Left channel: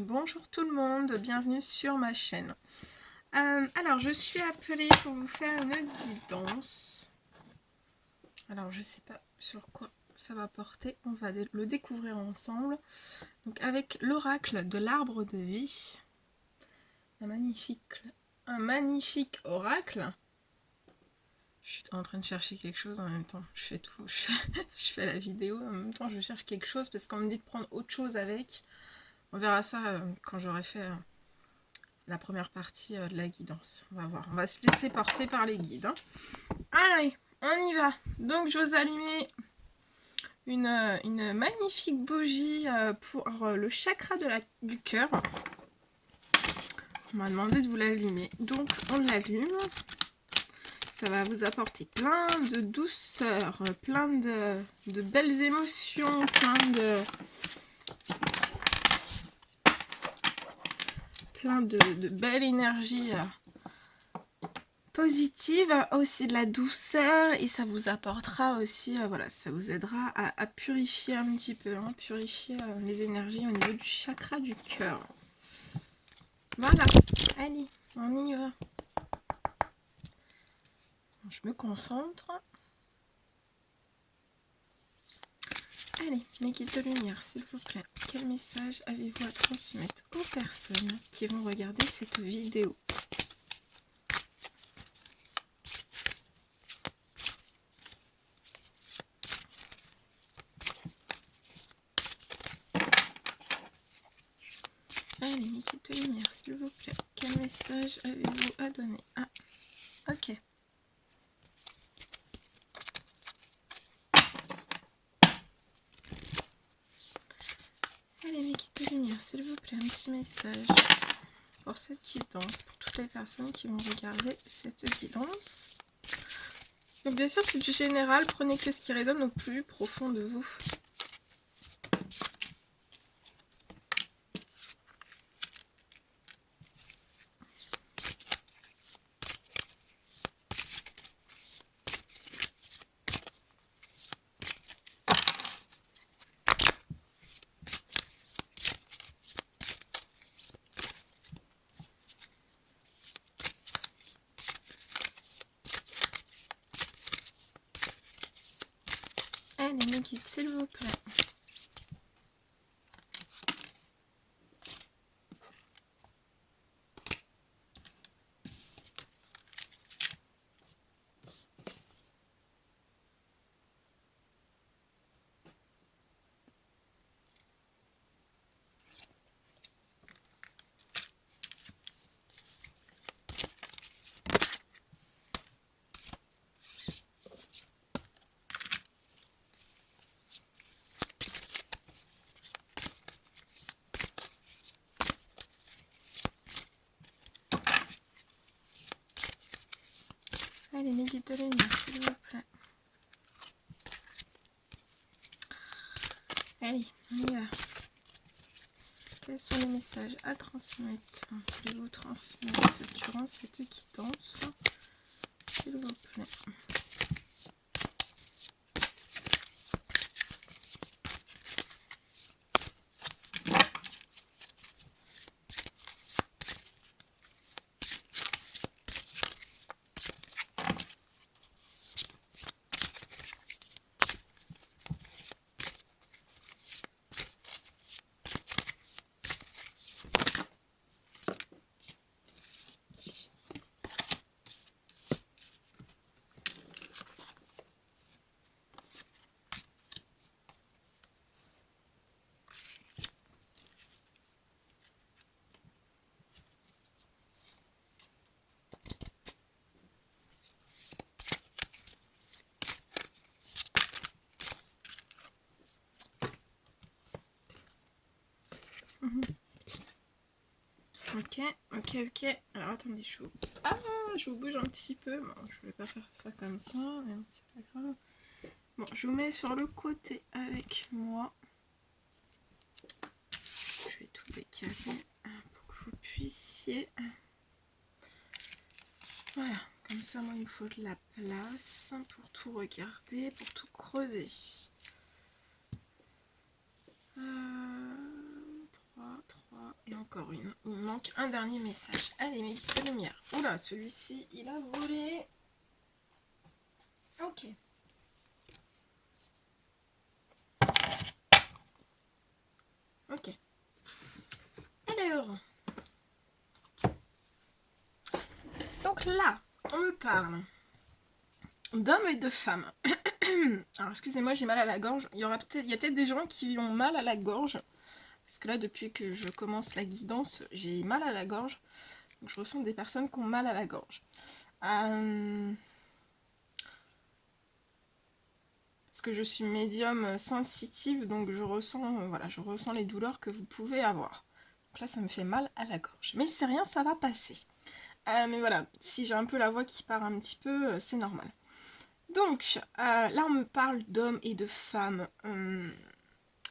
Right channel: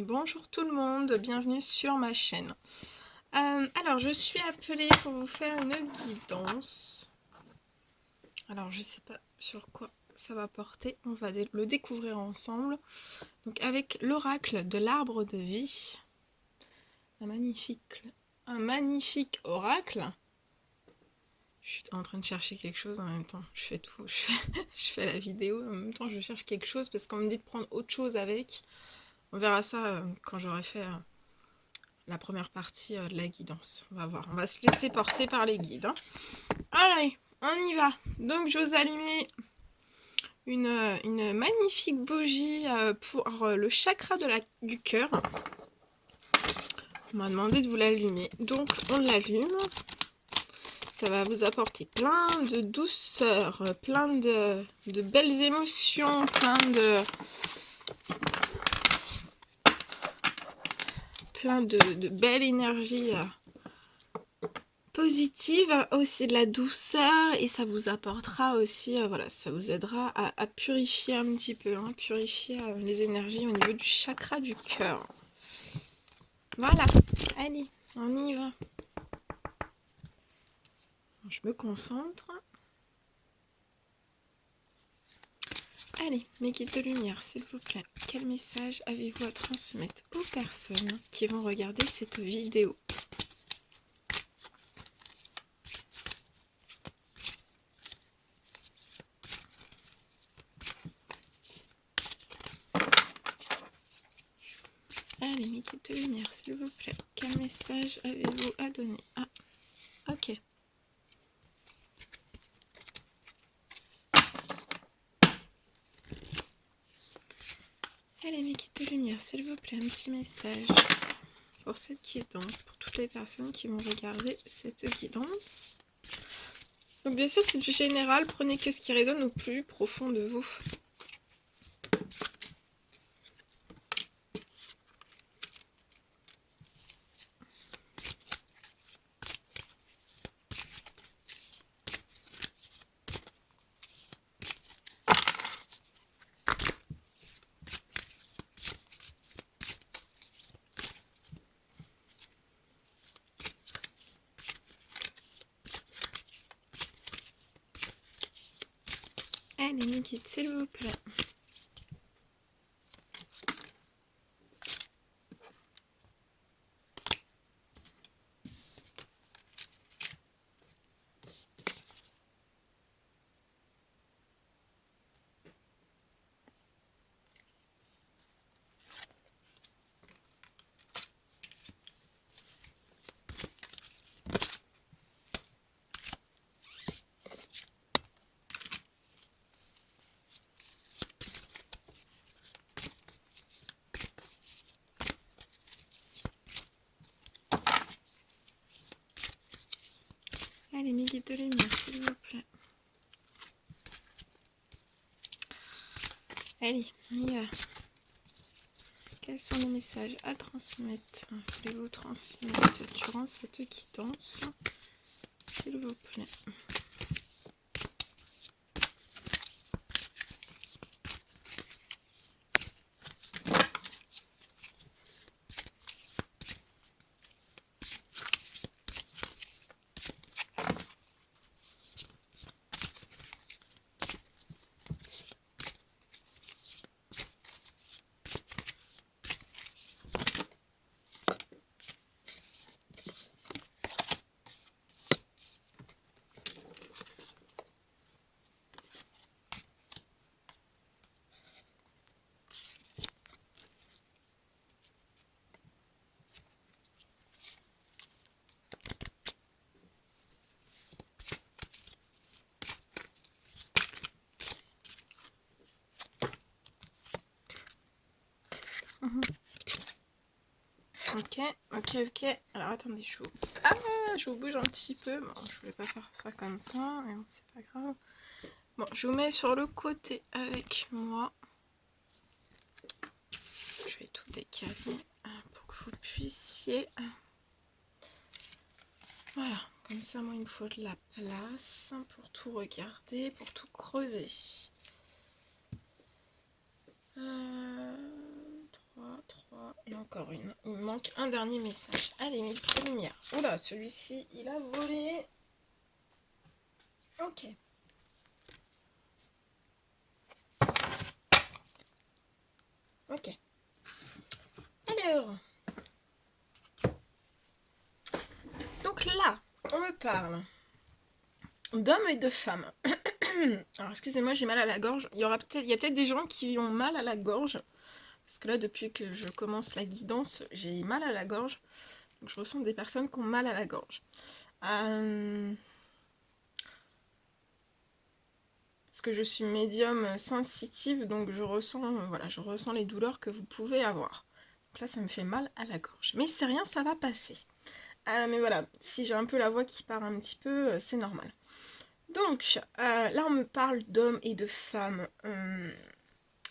Bonjour tout le monde, bienvenue sur ma chaîne. Alors je suis appelée pour vous faire une guidance. Alors je sais pas sur quoi ça va porter, on va le découvrir ensemble. Donc avec l'oracle de l'arbre de vie, un magnifique oracle. Je suis en train de chercher quelque chose en même temps, je fais tout, je fais la vidéo, en même temps je cherche quelque chose parce qu'on me dit de prendre autre chose avec. On verra ça quand j'aurai fait la première partie de la guidance. On va voir, on va se laisser porter par les guides. Allez, on y va. Donc je vous allumer une magnifique bougie pour le chakra du cœur. On m'a demandé de vous l'allumer, donc on l'allume. Ça va vous apporter plein de douceur, plein de belles émotions, plein de belle énergie positive, aussi de la douceur, et ça vous apportera aussi, voilà, ça vous aidera à purifier un petit peu, purifier les énergies au niveau du chakra du cœur. Voilà, allez, on y va. Je me concentre. Allez, mes guides de lumière, s'il vous plaît, quel message avez-vous à transmettre aux personnes qui vont regarder cette vidéo ? Allez, mes guides de lumière, s'il vous plaît, quel message avez-vous à donner ? Ah, ok. Allez, mes guides de lumière, s'il vous plaît, un petit message pour cette guidance, pour toutes les personnes qui vont regarder cette guidance. Donc bien sûr, c'est du général, prenez que ce qui résonne au plus profond de vous. Allez, mes guides, s'il vous plaît. Allez, mes guides de lumière, s'il vous plaît. Allez, on y va. Quels sont les messages à transmettre? Voulez-vous transmettre durant cette guidance, s'il vous plaît? Ok. Alors attendez, je vous bouge un petit peu. Bon, je voulais pas faire ça comme ça, mais bon, c'est pas grave. Bon, je vous mets sur le côté avec moi. Je vais tout décaler pour que vous puissiez. Voilà, comme ça, moi, il me faut de la place pour tout regarder, pour tout creuser. 3, et encore une. Il me manque un dernier message. Allez, mes petites lumières. Oula, celui-ci, il a volé. Ok. Ok. Alors. Donc là, on me parle d'hommes et de femmes. Alors, excusez-moi, j'ai mal à la gorge. Il y a peut-être des gens qui ont mal à la gorge. Parce que là, depuis que je commence la guidance, j'ai mal à la gorge. Donc, je ressens des personnes qui ont mal à la gorge. Parce que je suis médium sensitive, donc je ressens les douleurs que vous pouvez avoir. Donc là, ça me fait mal à la gorge. Mais c'est rien, ça va passer. Mais voilà, si j'ai un peu la voix qui part un petit peu, c'est normal. Donc, là, on me parle d'hommes et de femmes.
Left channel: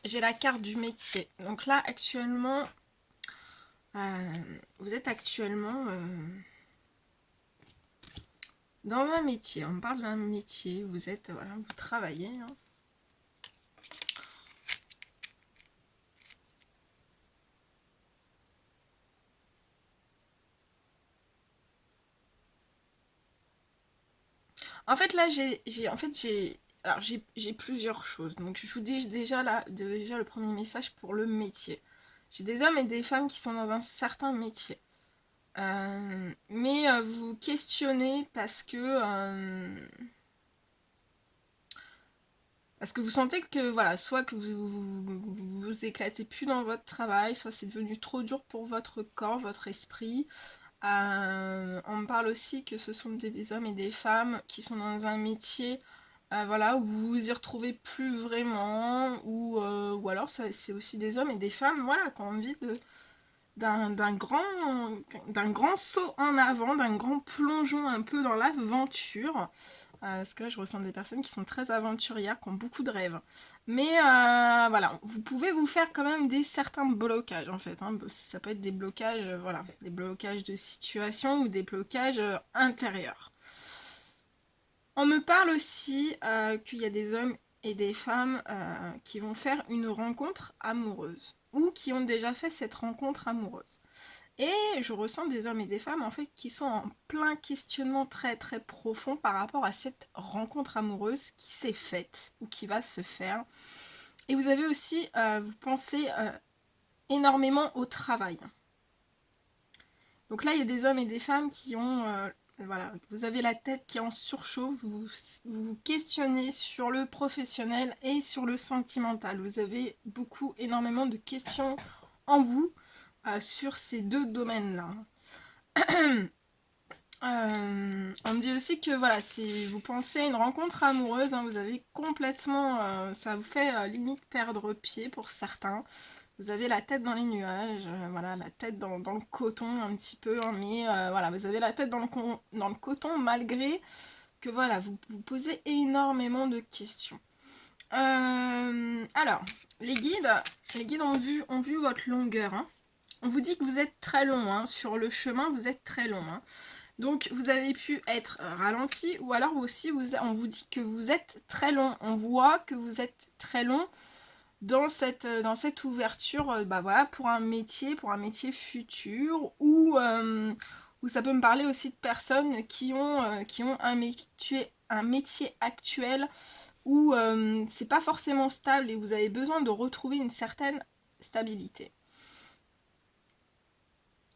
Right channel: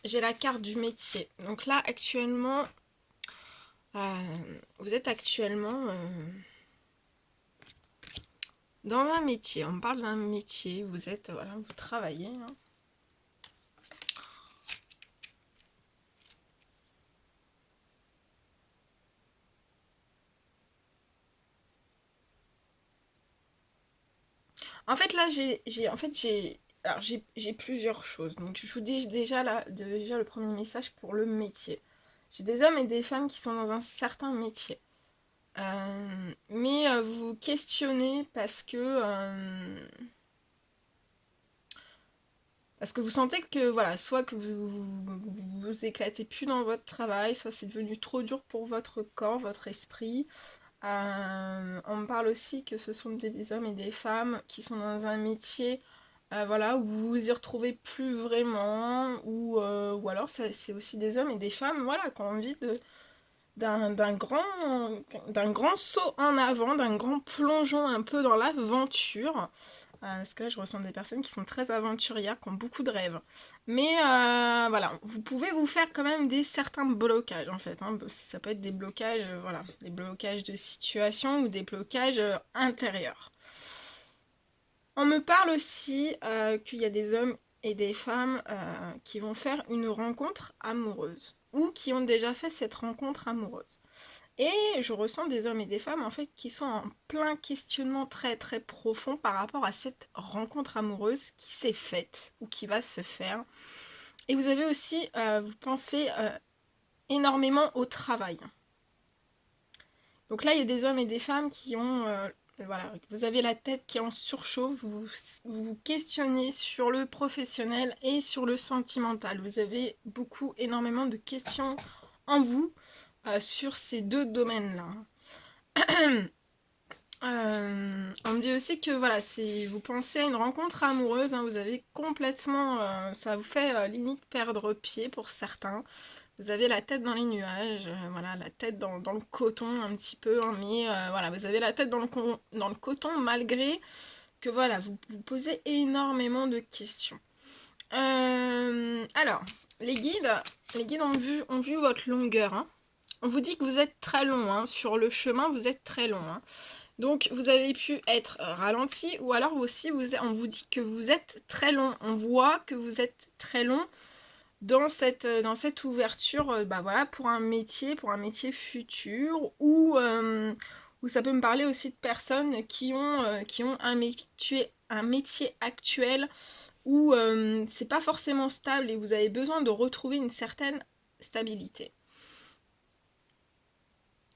J'ai la carte du métier. Donc là, actuellement, vous êtes actuellement dans un métier. On me parle d'un métier. Vous travaillez. Hein. En fait, là, j'ai plusieurs choses. Donc, je vous dis déjà le premier message pour le métier. J'ai des hommes et des femmes qui sont dans un certain métier. Mais vous questionnez parce que vous sentez que voilà, soit que vous éclatez plus dans votre travail, soit c'est devenu trop dur pour votre corps, votre esprit. On me parle aussi que ce sont des hommes et des femmes qui sont dans un métier où vous vous y retrouvez plus vraiment, ou alors c'est aussi des hommes et des femmes qui ont envie d'un grand saut en avant, d'un grand plongeon un peu dans l'aventure. Parce que là, je ressens des personnes qui sont très aventurières, qui ont beaucoup de rêves. Mais vous pouvez vous faire quand même certains blocages, en fait. Hein. Ça peut être des blocages, des blocages de situation ou des blocages intérieurs. On me parle aussi qu'il y a des hommes et des femmes qui vont faire une rencontre amoureuse ou qui ont déjà fait cette rencontre amoureuse. Et je ressens des hommes et des femmes en fait qui sont en plein questionnement très très profond par rapport à cette rencontre amoureuse qui s'est faite ou qui va se faire. Et vous avez aussi, vous pensez énormément au travail. Donc là, il y a des hommes et des femmes qui ont... vous avez la tête qui est en surchauffe, vous vous questionnez sur le professionnel et sur le sentimental. Vous avez énormément de questions en vous sur ces deux domaines-là. On me dit aussi que si vous pensez à une rencontre amoureuse, hein, vous avez complètement... ça vous fait limite perdre pied pour certains. Vous avez la tête dans les nuages, la tête dans le coton un petit peu, hein, mais vous avez la tête dans le coton malgré que vous posez énormément de questions. Alors, les guides ont vu votre longueur. Hein. On vous dit que vous êtes très long, hein. Sur le chemin, vous êtes très long. Hein. Donc, vous avez pu être ralenti, ou alors aussi, on vous dit que vous êtes très long. On voit que vous êtes très long dans cette ouverture pour un métier futur, ou ça peut me parler aussi de personnes qui ont un métier actuel où c'est pas forcément stable et vous avez besoin de retrouver une certaine stabilité.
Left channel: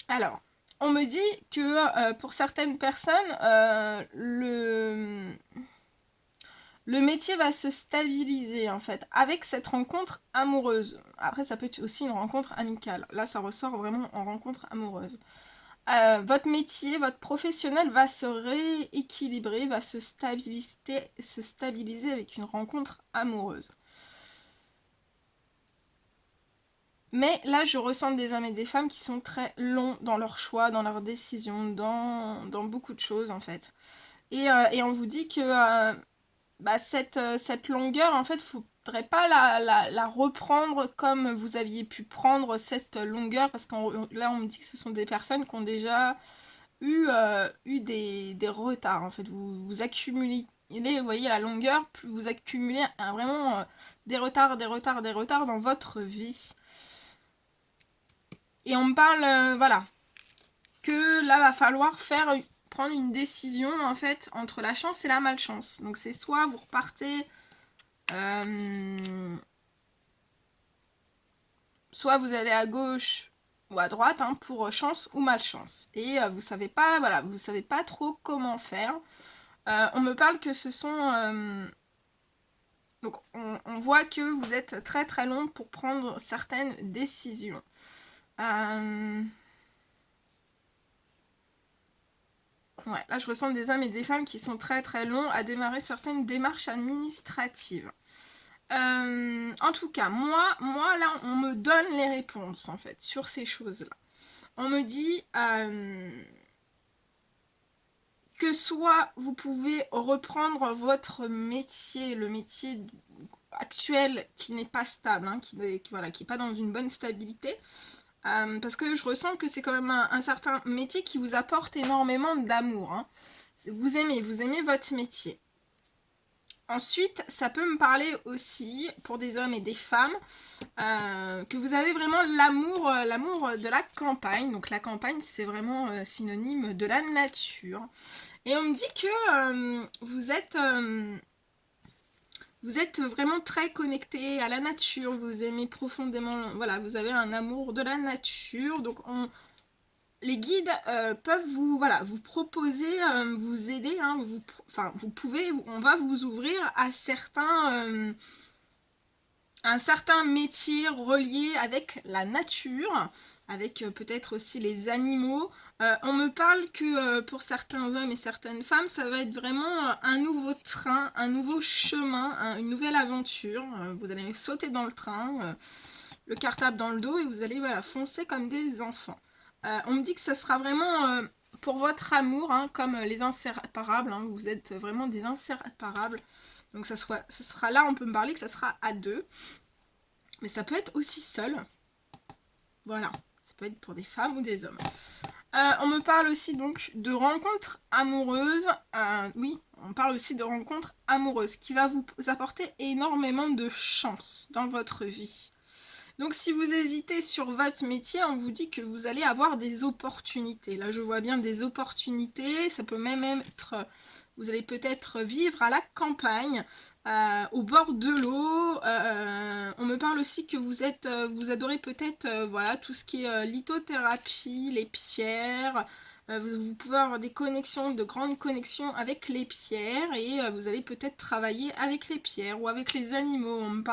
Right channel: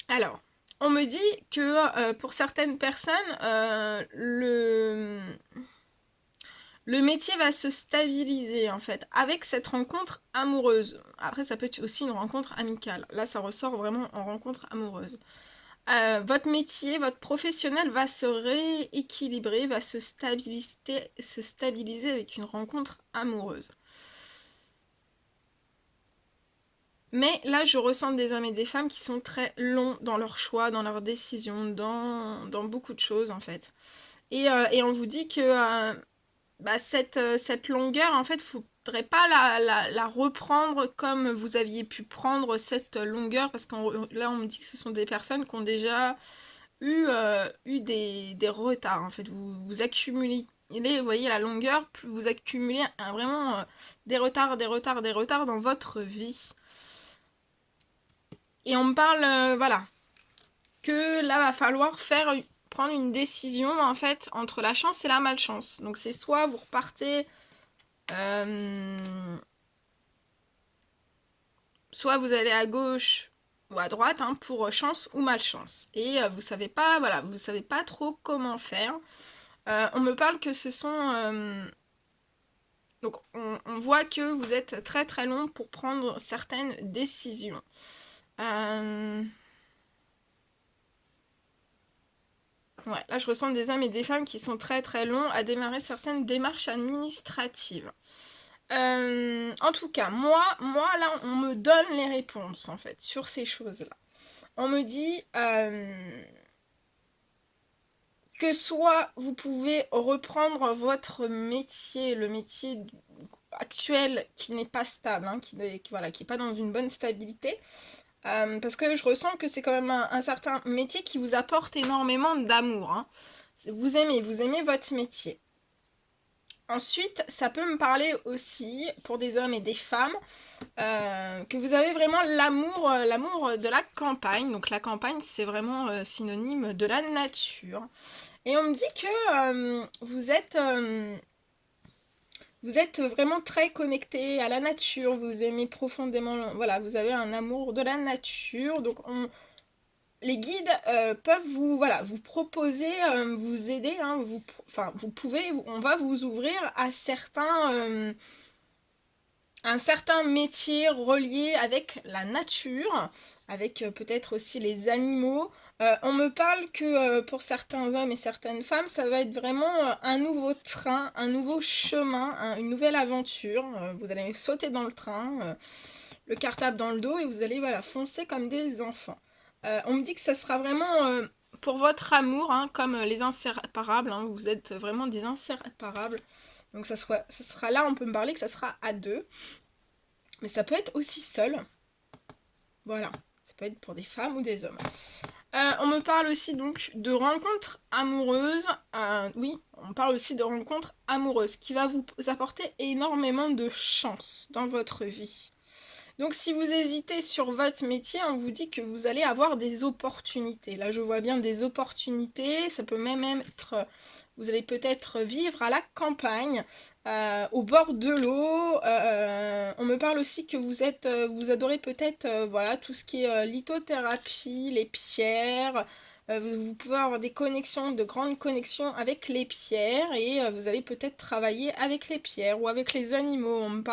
Alors, on me dit que pour certaines personnes, le métier va se stabiliser en fait avec cette rencontre amoureuse. Après, ça peut être aussi une rencontre amicale. Là, ça ressort vraiment en rencontre amoureuse. Votre métier, votre professionnel va se rééquilibrer, va se stabiliser avec une rencontre amoureuse. Mais là, je ressens des hommes et des femmes qui sont très longs dans leurs choix, dans leurs décisions, dans beaucoup de choses en fait. Et on vous dit que cette longueur, en fait, il ne faudrait pas la reprendre comme vous aviez pu prendre cette longueur, parce que là, on me dit que ce sont des personnes qui ont déjà eu des retards, en fait. Vous accumulez, vous voyez la longueur, vous accumulez vraiment des retards dans votre vie. Et on me parle, voilà, que là, va falloir prendre une décision, en fait, entre la chance et la malchance. Donc, c'est soit vous repartez... soit vous allez à gauche ou à droite hein, pour chance ou malchance. Et vous savez pas, voilà, vous savez pas trop comment faire. On me parle que ce sont... donc on voit que vous êtes très très long pour prendre certaines décisions. Ouais, là je ressens des hommes et des femmes qui sont très très longs à démarrer certaines démarches administratives. En tout cas, moi là, on me donne les réponses en fait sur ces choses-là. On me dit que soit vous pouvez reprendre votre métier, le métier actuel qui n'est pas stable, hein, qui n'est pas dans une bonne stabilité, parce que je ressens que c'est quand même un certain métier qui vous apporte énormément d'amour. Hein. Vous aimez votre métier. Ensuite, ça peut me parler aussi, pour des hommes et des femmes, que vous avez vraiment l'amour de la campagne. Donc la campagne, c'est vraiment synonyme de la nature. Et on me dit que vous êtes vraiment très connecté à la nature, vous aimez profondément, voilà, vous avez un amour de la nature. Donc les guides peuvent vous proposer, vous aider, hein, vous pouvez, on va vous ouvrir à un certain métier relié avec la nature, avec peut-être aussi les animaux. On me parle que pour certains hommes et certaines femmes, ça va être vraiment un nouveau train, un nouveau chemin, une nouvelle aventure. Vous allez sauter dans le train, le cartable dans le dos et vous allez foncer comme des enfants. On me dit que ça sera vraiment pour votre amour, hein, comme les inséparables. Hein, vous êtes vraiment des inséparables. Donc ça sera là, on peut me parler que ça sera à deux. Mais ça peut être aussi seul. Voilà. Ça peut être pour des femmes ou des hommes. On me parle aussi donc de rencontres amoureuses. Oui, on parle aussi de rencontres amoureuses qui va vous apporter énormément de chance dans votre vie. Donc si vous hésitez sur votre métier, on vous dit que vous allez avoir des opportunités. Là, je vois bien des opportunités. Ça peut même être... Vous allez peut-être vivre à la campagne, au bord de l'eau. On me parle aussi que vous adorez peut-être tout ce qui est lithothérapie, les pierres. Vous pouvez avoir des connexions, de grandes connexions avec les pierres et vous allez peut-être travailler avec les pierres ou avec les animaux. On me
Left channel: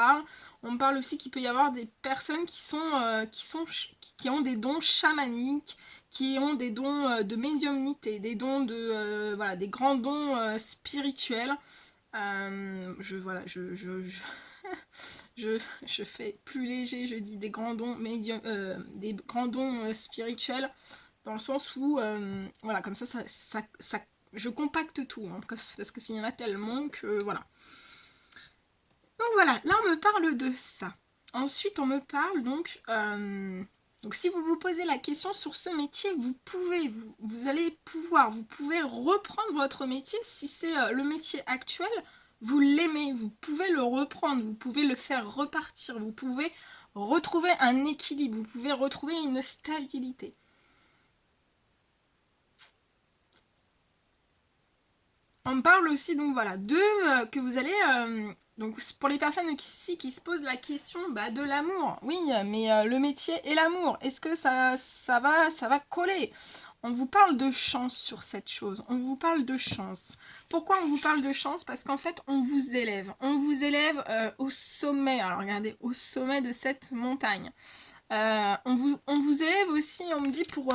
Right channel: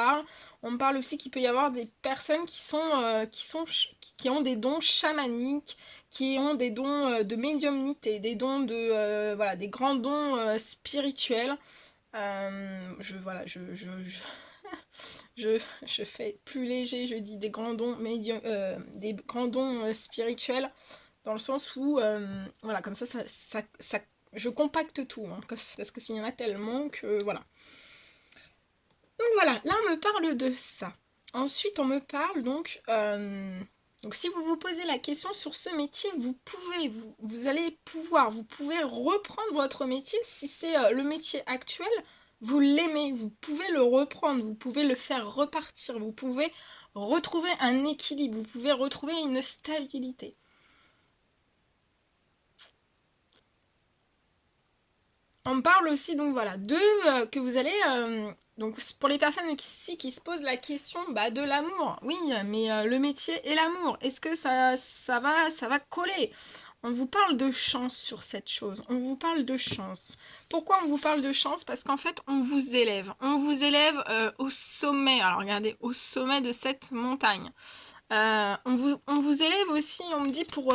parle aussi qu'il peut y avoir des personnes qui ont des dons chamaniques, qui ont des dons de médiumnité, des dons des grands dons spirituels. Je fais plus léger, je dis des grands dons des grands dons spirituels, dans le sens où comme ça je compacte tout, hein, parce que s'il y en a tellement que voilà. Donc voilà, là on me parle de ça. Ensuite on me parle donc si vous vous posez la question sur ce métier, vous pouvez reprendre votre métier. Si c'est le métier actuel, vous l'aimez, vous pouvez le reprendre, vous pouvez le faire repartir, vous pouvez retrouver un équilibre, vous pouvez retrouver une stabilité. On me parle aussi donc que vous allez donc pour les personnes qui se posent la question de l'amour. Oui, mais le métier et l'amour, est-ce que ça va coller? On vous parle de chance sur cette chose. On vous parle de chance. Pourquoi on vous parle de chance? Parce qu'en fait, on vous élève. On vous élève au sommet. Alors regardez, au sommet de cette montagne. On vous élève aussi, on me dit, pour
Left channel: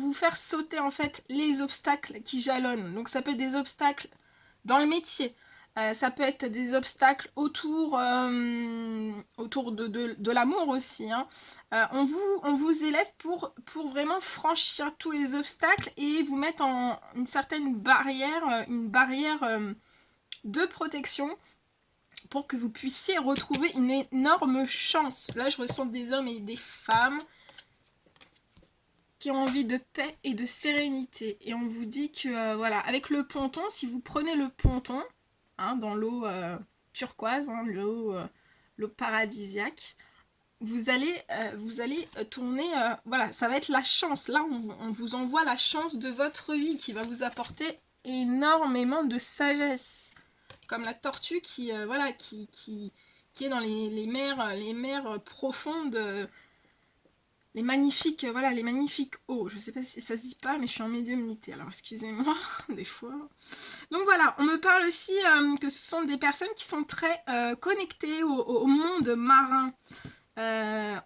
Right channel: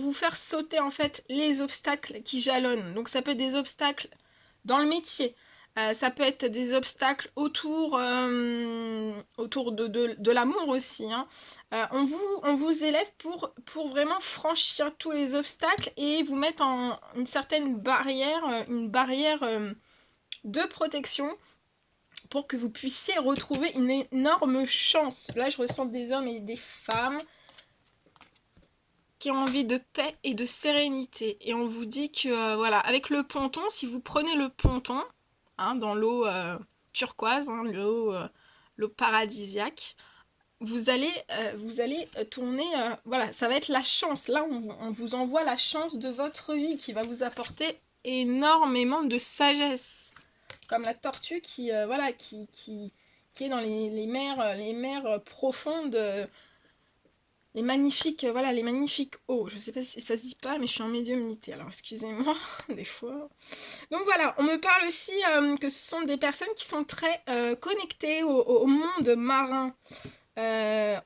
vous faire sauter en fait les obstacles qui jalonnent. Donc ça peut être des obstacles dans le métier, ça peut être des obstacles autour de l'amour aussi. Hein. On vous élève pour vraiment franchir tous les obstacles et vous mettre en une certaine barrière, une barrière de protection pour que vous puissiez retrouver une énorme chance. Là, je ressens des hommes et des femmes qui ont envie de paix et de sérénité. Et on vous dit que, avec le ponton, si vous prenez le ponton, hein, dans l'eau turquoise, hein, l'eau paradisiaque, vous allez tourner, voilà, ça va être la chance. Là, on vous envoie la chance de votre vie qui va vous apporter énormément de sagesse. Comme la tortue qui, voilà, qui est dans les mers profondes, voilà, les magnifiques eaux. Je sais pas si ça se dit pas, mais je suis en médiumnité, alors excusez-moi, des fois. Donc voilà, on me parle aussi que ce sont des personnes qui sont très connectées au monde marin.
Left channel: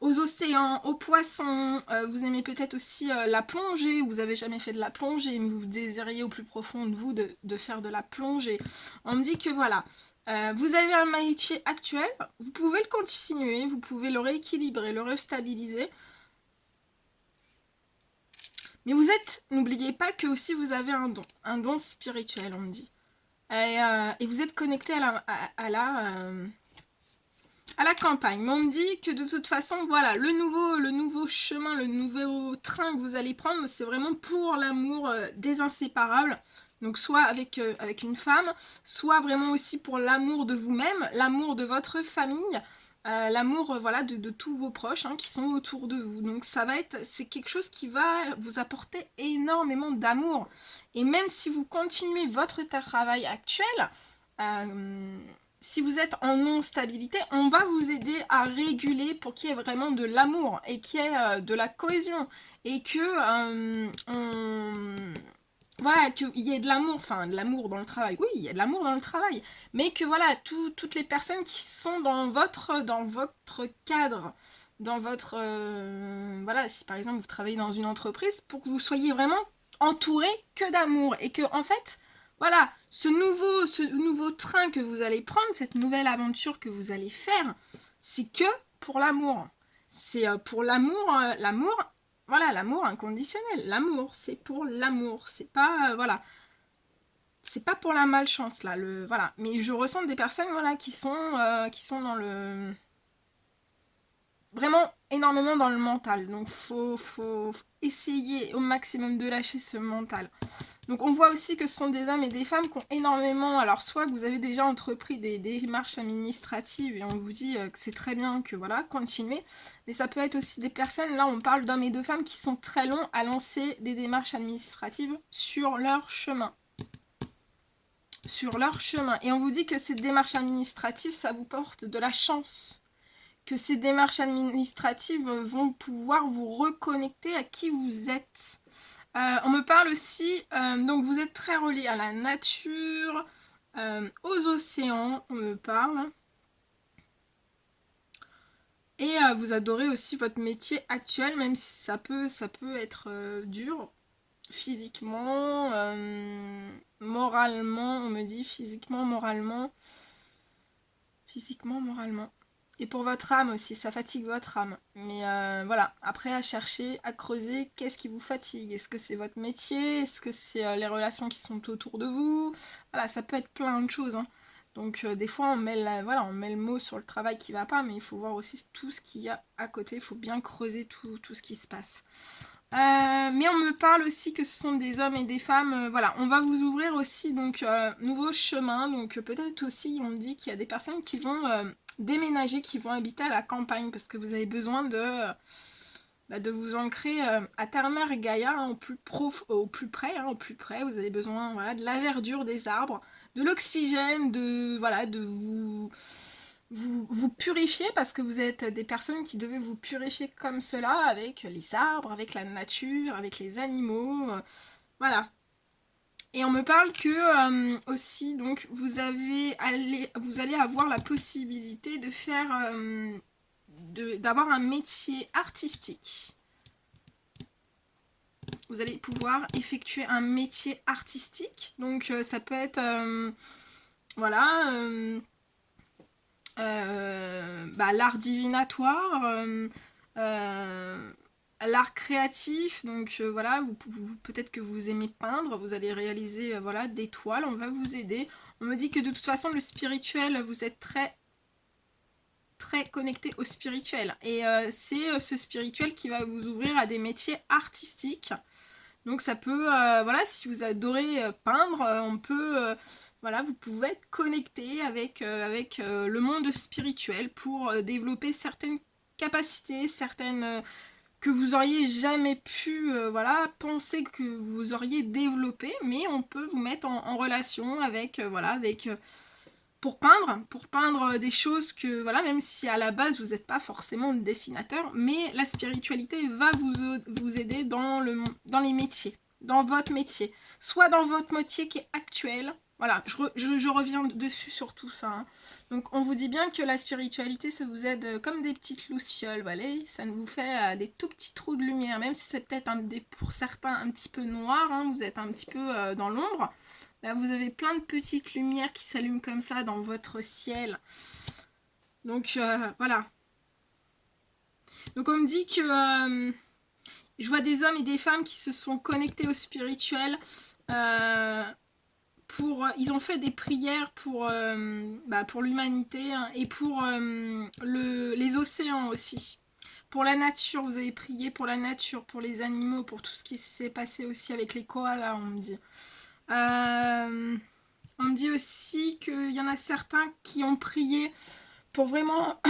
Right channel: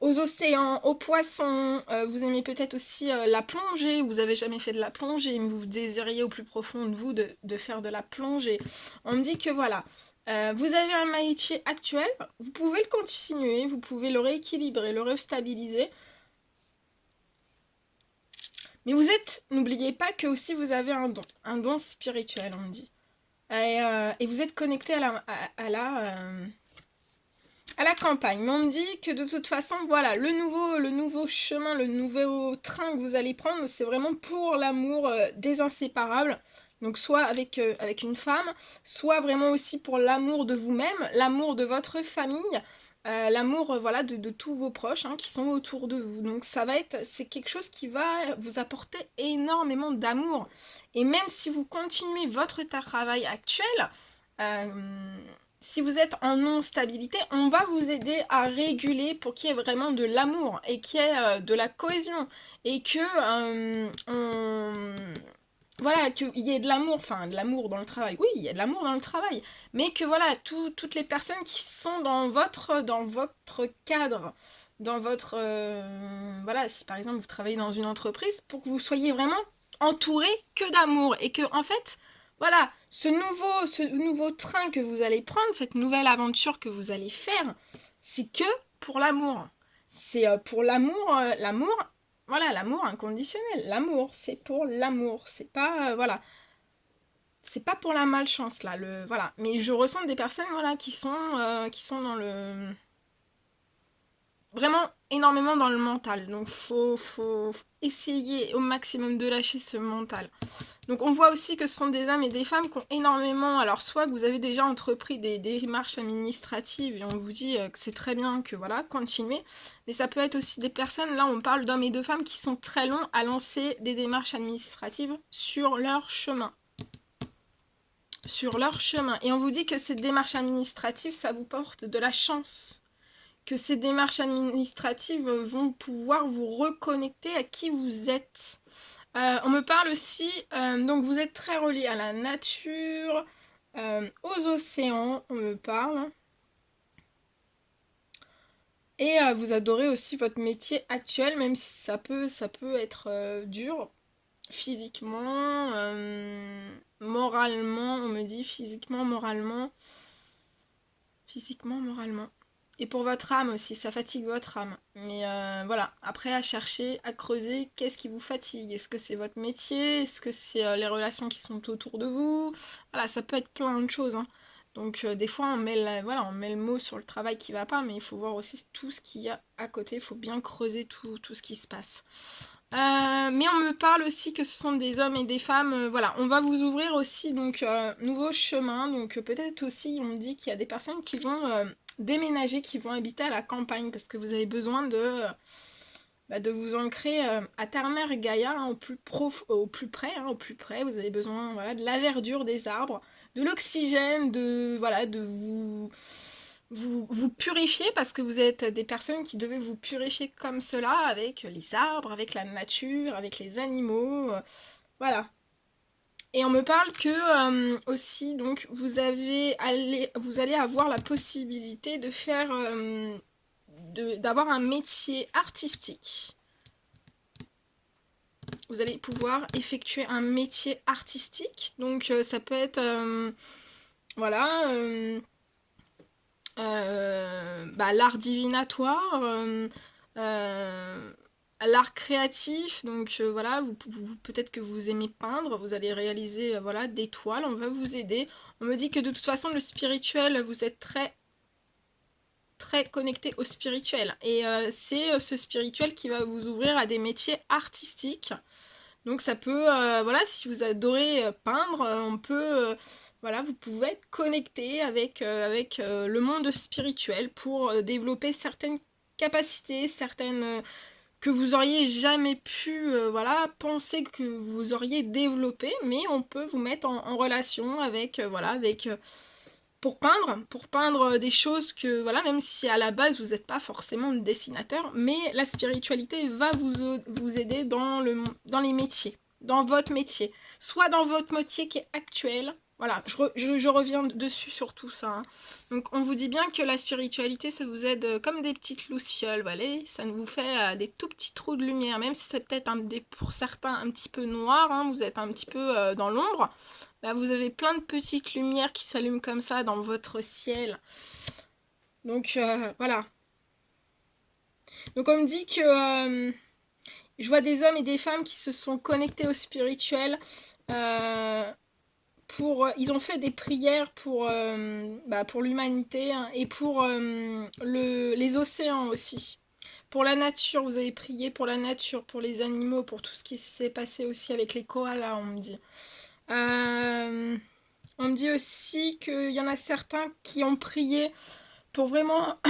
Aux océans, aux poissons, vous aimez peut-être aussi la plongée, vous avez jamais fait de la plongée, mais vous désiriez au plus profond de vous de faire de la plongée. On me dit que voilà, vous avez un métier actuel, vous pouvez le continuer, vous pouvez le rééquilibrer, le restabiliser, mais n'oubliez pas que aussi vous avez un don spirituel, on me dit. Et vous êtes connecté à la campagne. Mais on me dit que de toute façon, voilà, le nouveau chemin, le nouveau train que vous allez prendre, c'est vraiment pour l'amour des inséparables. Donc soit avec une femme, soit vraiment aussi pour l'amour de vous-même, l'amour de votre famille, l'amour voilà, de tous vos proches hein, qui sont autour de vous. Donc c'est quelque chose qui va vous apporter énormément d'amour. Et même si vous continuez votre travail actuel, si vous êtes en non-stabilité, on va vous aider à réguler pour qu'il y ait vraiment de l'amour et qu'il y ait de la cohésion et que voilà, qu'il y ait de l'amour, enfin de l'amour dans le travail, oui, il y a de l'amour dans le travail, mais que voilà, toutes les personnes qui sont dans votre cadre, dans votre, voilà, si par exemple vous travaillez dans une entreprise, pour que vous soyez vraiment entouré que d'amour et que en fait, voilà, ce nouveau train que vous allez prendre, cette nouvelle aventure que vous allez faire, c'est que pour l'amour. C'est pour l'amour, voilà, l'amour inconditionnel. L'amour, c'est pour l'amour. C'est pas, voilà, c'est pas pour la malchance là. Voilà. Mais je ressens des personnes, voilà, qui sont dans le vraiment énormément dans le mental. Donc faut essayer au maximum de lâcher ce mental. Donc on voit aussi que ce sont des hommes et des femmes qui ont énormément, alors soit que vous avez déjà entrepris des démarches administratives et on vous dit que c'est très bien, que voilà, continuez, mais ça peut être aussi des personnes, là on parle d'hommes et de femmes qui sont très longs à lancer des démarches administratives sur leur chemin. Sur leur chemin. Et on vous dit que ces démarches administratives, ça vous porte de la chance. Que ces démarches administratives vont pouvoir vous reconnecter à qui vous êtes. On me parle aussi, donc vous êtes très relié à la nature, aux océans, on me parle. Et vous adorez aussi votre métier actuel, même si ça peut être dur, physiquement, moralement, on me dit physiquement, moralement. Et pour votre âme aussi, ça fatigue votre âme. Mais voilà, après à chercher, à creuser, qu'est-ce qui vous fatigue? Est-ce que c'est votre métier? Est-ce que c'est les relations qui sont autour de vous? Voilà, ça peut être plein de choses. Hein. Donc des fois on met le mot sur le travail qui va pas, mais il faut voir aussi tout ce qu'il y a à côté. Il faut bien creuser tout ce qui se passe. Mais on me parle aussi que ce sont des hommes et des femmes, voilà, on va vous ouvrir aussi donc nouveau chemin, donc peut-être aussi on me dit qu'il y a des personnes qui vont déménager, qui vont habiter à la campagne parce que vous avez besoin de vous ancrer à Terre-Mère Gaïa hein, au plus près, vous avez besoin voilà, de la verdure des arbres, de l'oxygène, de vous purifier parce que vous êtes des personnes qui devaient vous purifier comme cela avec les arbres, avec la nature, avec les animaux, voilà. Et on me parle que aussi donc vous allez avoir la possibilité de faire d'avoir un métier artistique. Vous allez pouvoir effectuer un métier artistique. Donc ça peut être voilà l'art divinatoire, l'art créatif, donc voilà, peut-être que vous aimez peindre, vous allez réaliser voilà, des toiles, on va vous aider. On me dit que de toute façon le spirituel, vous êtes très très connecté au spirituel et c'est ce spirituel qui va vous ouvrir à des métiers artistiques. Donc ça peut, voilà, si vous adorez peindre, on peut, voilà, vous pouvez être connecté avec le monde spirituel pour développer certaines capacités, certaines que vous auriez jamais pu voilà, penser que vous auriez développé, mais on peut vous mettre en relation avec, voilà, avec pour peindre des choses que, voilà, même si à la base vous n'êtes pas forcément dessinateur, mais la spiritualité va vous aider dans les métiers, dans votre métier, soit dans votre métier qui est actuel. Voilà, je reviens dessus sur tout ça. Hein. Donc on vous dit bien que la spiritualité, ça vous aide comme des petites lucioles, voilà, ça vous fait des tout petits trous de lumière, même si c'est peut-être pour certains un petit peu noir, hein, vous êtes un petit peu dans l'ombre. Là, vous avez plein de petites lumières qui s'allument comme ça dans votre ciel. Donc, voilà. Donc, on me dit que je vois des hommes et des femmes qui se sont connectés au spirituel. Ils ont fait des prières pour l'humanité hein, et pour les océans aussi. Pour la nature, vous avez prié pour la nature, pour les animaux, pour tout ce qui s'est passé aussi avec les koalas, on me dit. On me dit aussi qu'il y en a certains qui ont prié pour vraiment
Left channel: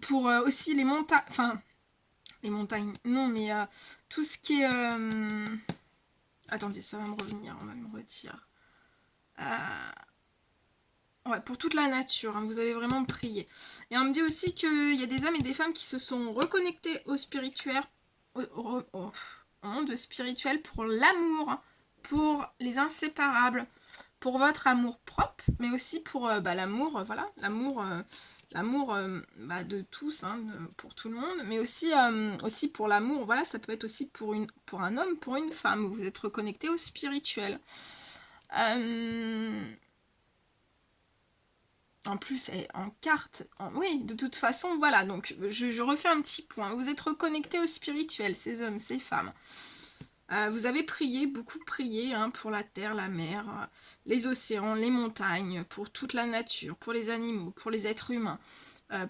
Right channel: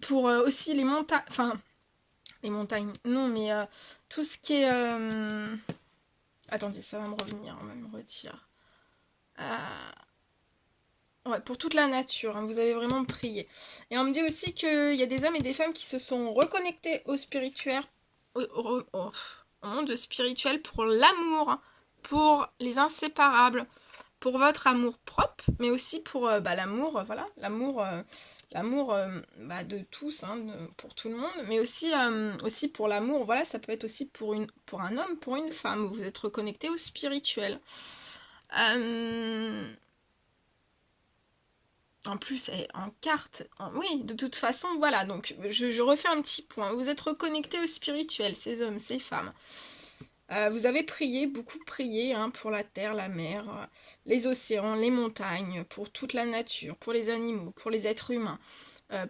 pour aussi les montagnes, enfin les montagnes, non mais tout ce qui est attendez, ça va me revenir, on va me retirer. Ouais, pour toute la nature, hein, vous avez vraiment prié. Et on me dit aussi qu'il y a des hommes et des femmes qui se sont reconnectés au spirituel, au monde spirituel pour l'amour, pour les inséparables, pour votre amour propre, mais aussi pour l'amour, voilà, l'amour de tous, hein, pour tout le monde, mais aussi pour l'amour, voilà, ça peut être aussi pour un homme, pour une femme, vous êtes reconnecté au spirituel. En plus, en carte, oui, de toute façon, voilà, donc je refais un petit point. Vous êtes reconnecté au spirituel, ces hommes, ces femmes. Vous avez prié, beaucoup prié hein, pour la terre, la mer, les océans, les montagnes, pour toute la nature, pour les animaux, pour les êtres humains,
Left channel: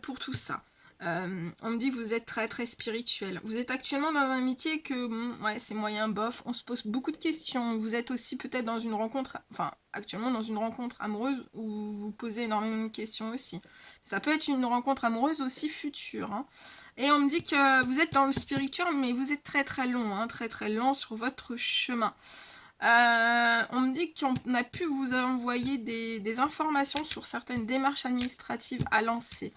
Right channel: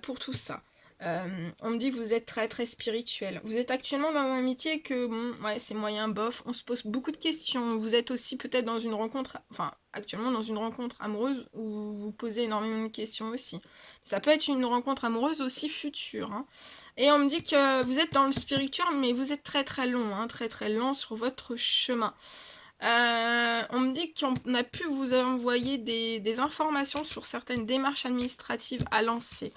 pour tout ça. On me dit que vous êtes très très spirituel. Vous êtes actuellement dans un métier que, bon, ouais, c'est moyen bof, on se pose beaucoup de questions. Vous êtes aussi peut-être dans une rencontre, enfin, actuellement dans une rencontre amoureuse où vous vous posez énormément de questions aussi. Ça peut être une rencontre amoureuse aussi future. Hein. Et on me dit que vous êtes dans le spirituel, mais vous êtes très très long, hein, très très lent sur votre chemin. On me dit qu'on a pu vous envoyer des informations sur certaines démarches administratives à lancer.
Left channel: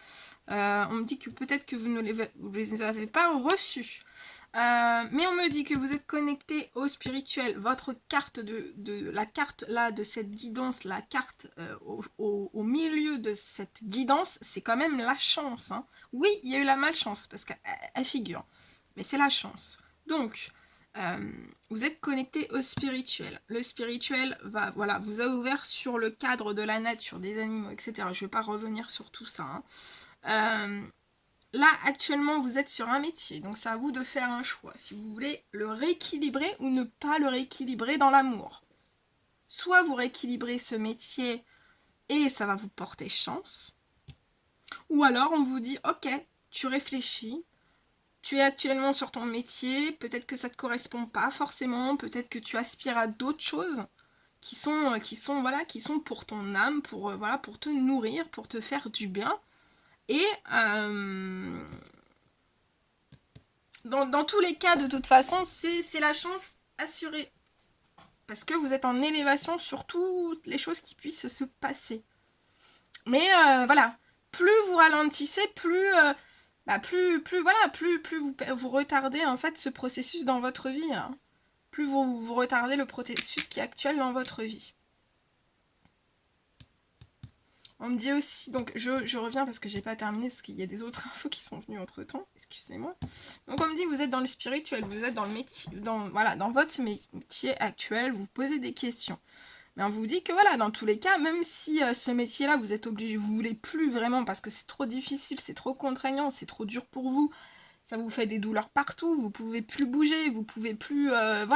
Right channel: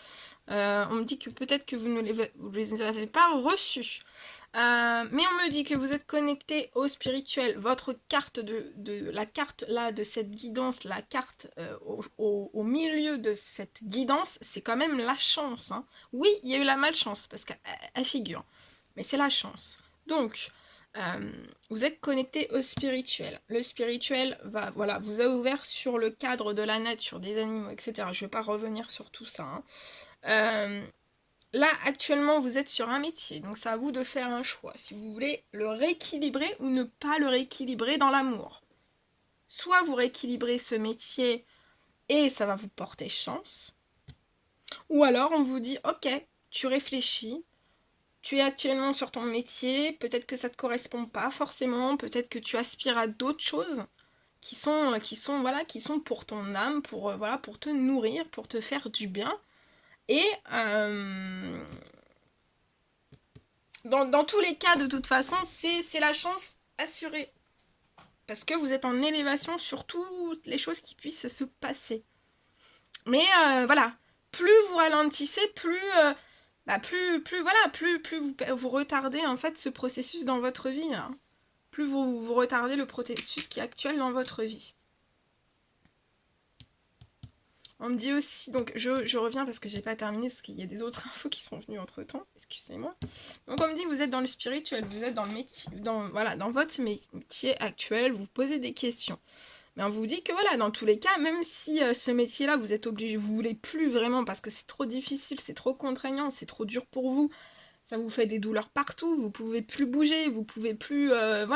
On me dit que peut-être que vous ne les avez pas reçues. Mais on me dit que vous êtes connecté au spirituel. Votre carte la carte là de cette guidance, la carte au milieu de cette guidance, c'est quand même la chance. Hein. Oui, il y a eu la malchance parce qu'elle figure, mais c'est la chance. Donc, vous êtes connecté au spirituel. Le spirituel vous a ouvert sur le cadre de la nature, des animaux, etc. Je ne vais pas revenir sur tout ça. Hein. Là, actuellement, vous êtes sur un métier, donc c'est à vous de faire un choix. Si vous voulez le rééquilibrer ou ne pas le rééquilibrer dans l'amour. Soit vous rééquilibrez ce métier et ça va vous porter chance. Ou alors on vous dit, ok, tu réfléchis, tu es actuellement sur ton métier, peut-être que ça ne te correspond pas forcément, peut-être que tu aspires à d'autres choses qui sont pour ton âme, pour te nourrir, pour te faire du bien. Et dans tous les cas, de toute façon, c'est la chance assurée. Parce que vous êtes en élévation sur toutes les choses qui puissent se passer. Mais voilà, plus vous ralentissez, plus vous retardez en fait ce processus dans votre vie. Hein. Plus vous retardez le processus qui est actuel dans votre vie. On me dit aussi, donc je reviens parce que j'ai pas terminé, parce qu'il y a des autres infos qui sont venues entre temps, excusez-moi. Donc on me dit que vous êtes dans le spirituel, vous êtes dans le métier, dans votre métier actuel, vous posez des questions. Mais on vous dit que voilà, dans tous les cas, même si ce métier-là, vous êtes obligé, vous voulez plus vraiment parce que c'est trop difficile, c'est trop contraignant, c'est trop dur pour vous, ça vous fait des douleurs partout, vous pouvez plus bouger, vous pouvez plus, à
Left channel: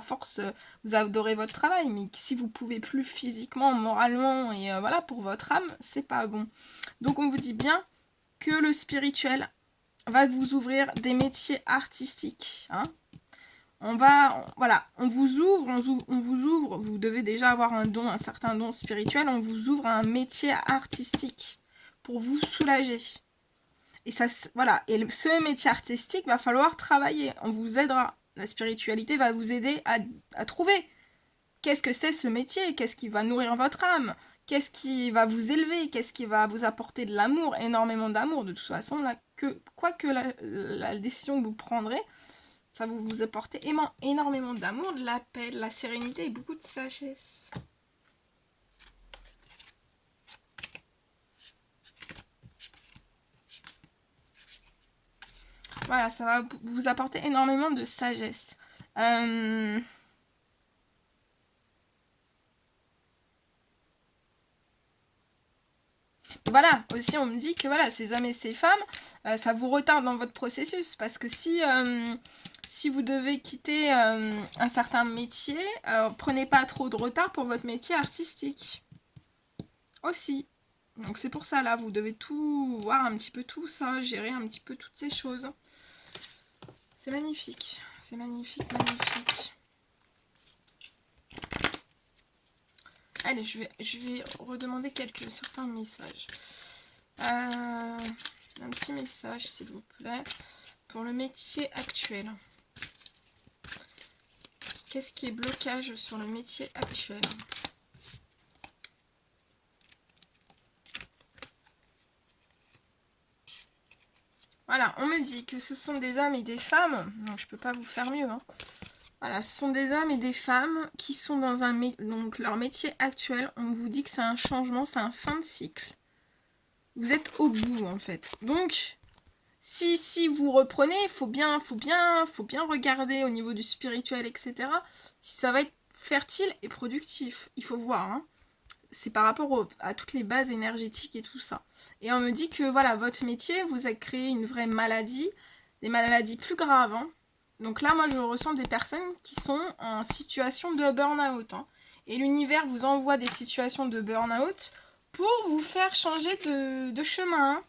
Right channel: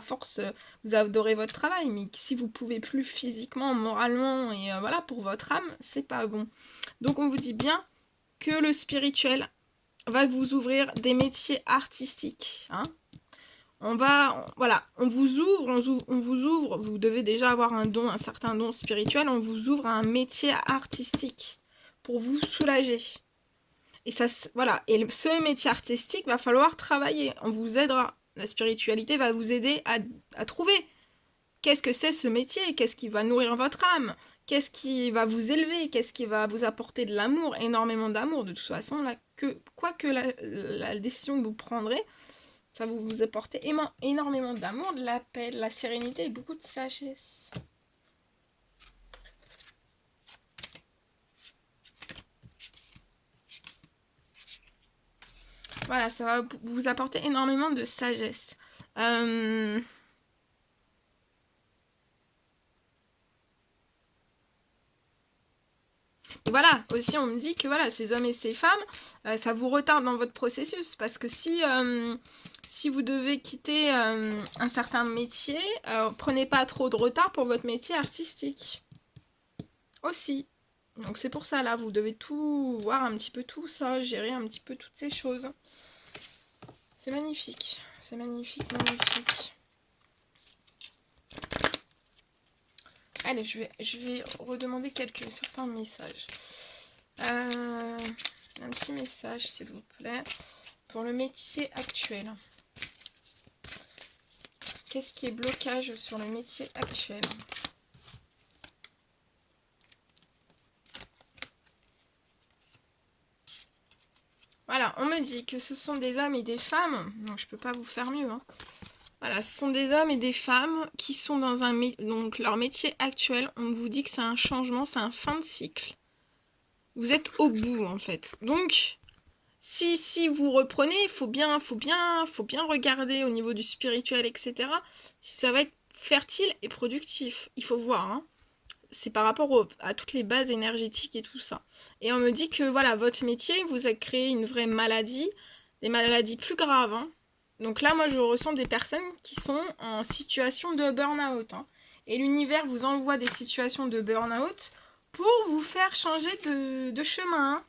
force, vous adorez votre travail, mais si vous pouvez plus physiquement, moralement, et pour votre âme, c'est pas bon. Donc on vous dit bien que le spirituel va vous ouvrir des métiers artistiques, hein. On vous ouvre, vous devez déjà avoir un certain don spirituel, on vous ouvre un métier artistique pour vous soulager. Et ça, voilà. Et ce métier artistique, va falloir travailler. On vous aidera. La spiritualité va vous aider à trouver. Qu'est-ce que c'est ce métier? Qu'est-ce qui va nourrir votre âme? Qu'est-ce qui va vous élever? Qu'est-ce qui va vous apporter de l'amour? Énormément d'amour. De toute façon, là, quoi que la décision que vous prendrez, ça va vous apporter énormément d'amour, de la paix, de la sérénité et beaucoup de sagesse. Voilà, ça va vous apporter énormément de sagesse. Voilà, aussi on me dit que voilà, ces hommes et ces femmes, ça vous retarde dans votre processus. Parce que si vous devez quitter un certain métier, prenez pas trop de retard pour votre métier artistique. Aussi. Donc c'est pour ça, là, vous devez tout voir un petit peu tout ça, gérer un petit peu toutes ces choses. C'est magnifique. C'est magnifique, magnifique. Allez, je vais redemander certains messages. Un petit message, s'il vous plaît, pour le métier actuel. Qu'est-ce qui est blocage sur le métier actuel? Voilà, on me dit que ce sont des hommes et des femmes, donc je peux pas vous faire mieux, hein. Voilà, ce sont des hommes et des femmes qui sont dans donc leur métier actuel. On vous dit que c'est un changement, c'est un fin de cycle. Vous êtes au bout en fait. Donc, si vous reprenez, il faut bien regarder au niveau du spirituel, etc. Si ça va être fertile et productif. Il faut voir, hein. C'est par rapport à toutes les bases énergétiques et tout ça. Et on me dit que voilà, votre métier, vous a créé une vraie maladie, des maladies plus graves, hein. Donc là, moi, je ressens des personnes qui sont en situation de burn-out, hein. Et l'univers vous envoie des situations de burn-out pour vous faire changer de chemin, hein.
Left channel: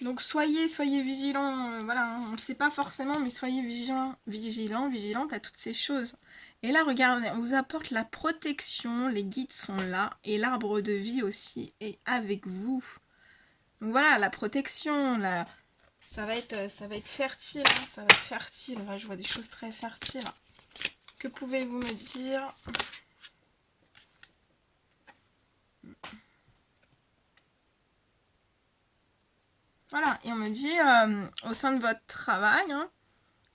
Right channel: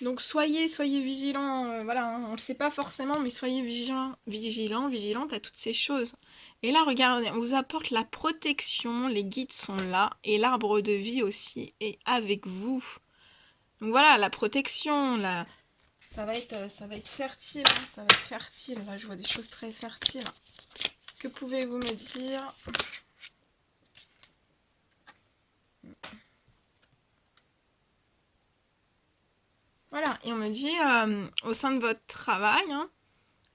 Donc soyez vigilants, voilà, hein, on ne le sait pas forcément, mais soyez vigilantes à toutes ces choses. Et là, regardez, on vous apporte la protection, les guides sont là, et l'arbre de vie aussi est avec vous. Donc voilà, la protection, ça va être fertile, hein, ça va être fertile. Là, je vois des choses très fertiles. Que pouvez-vous me dire? Voilà, et on me dit, au sein de votre travail, hein,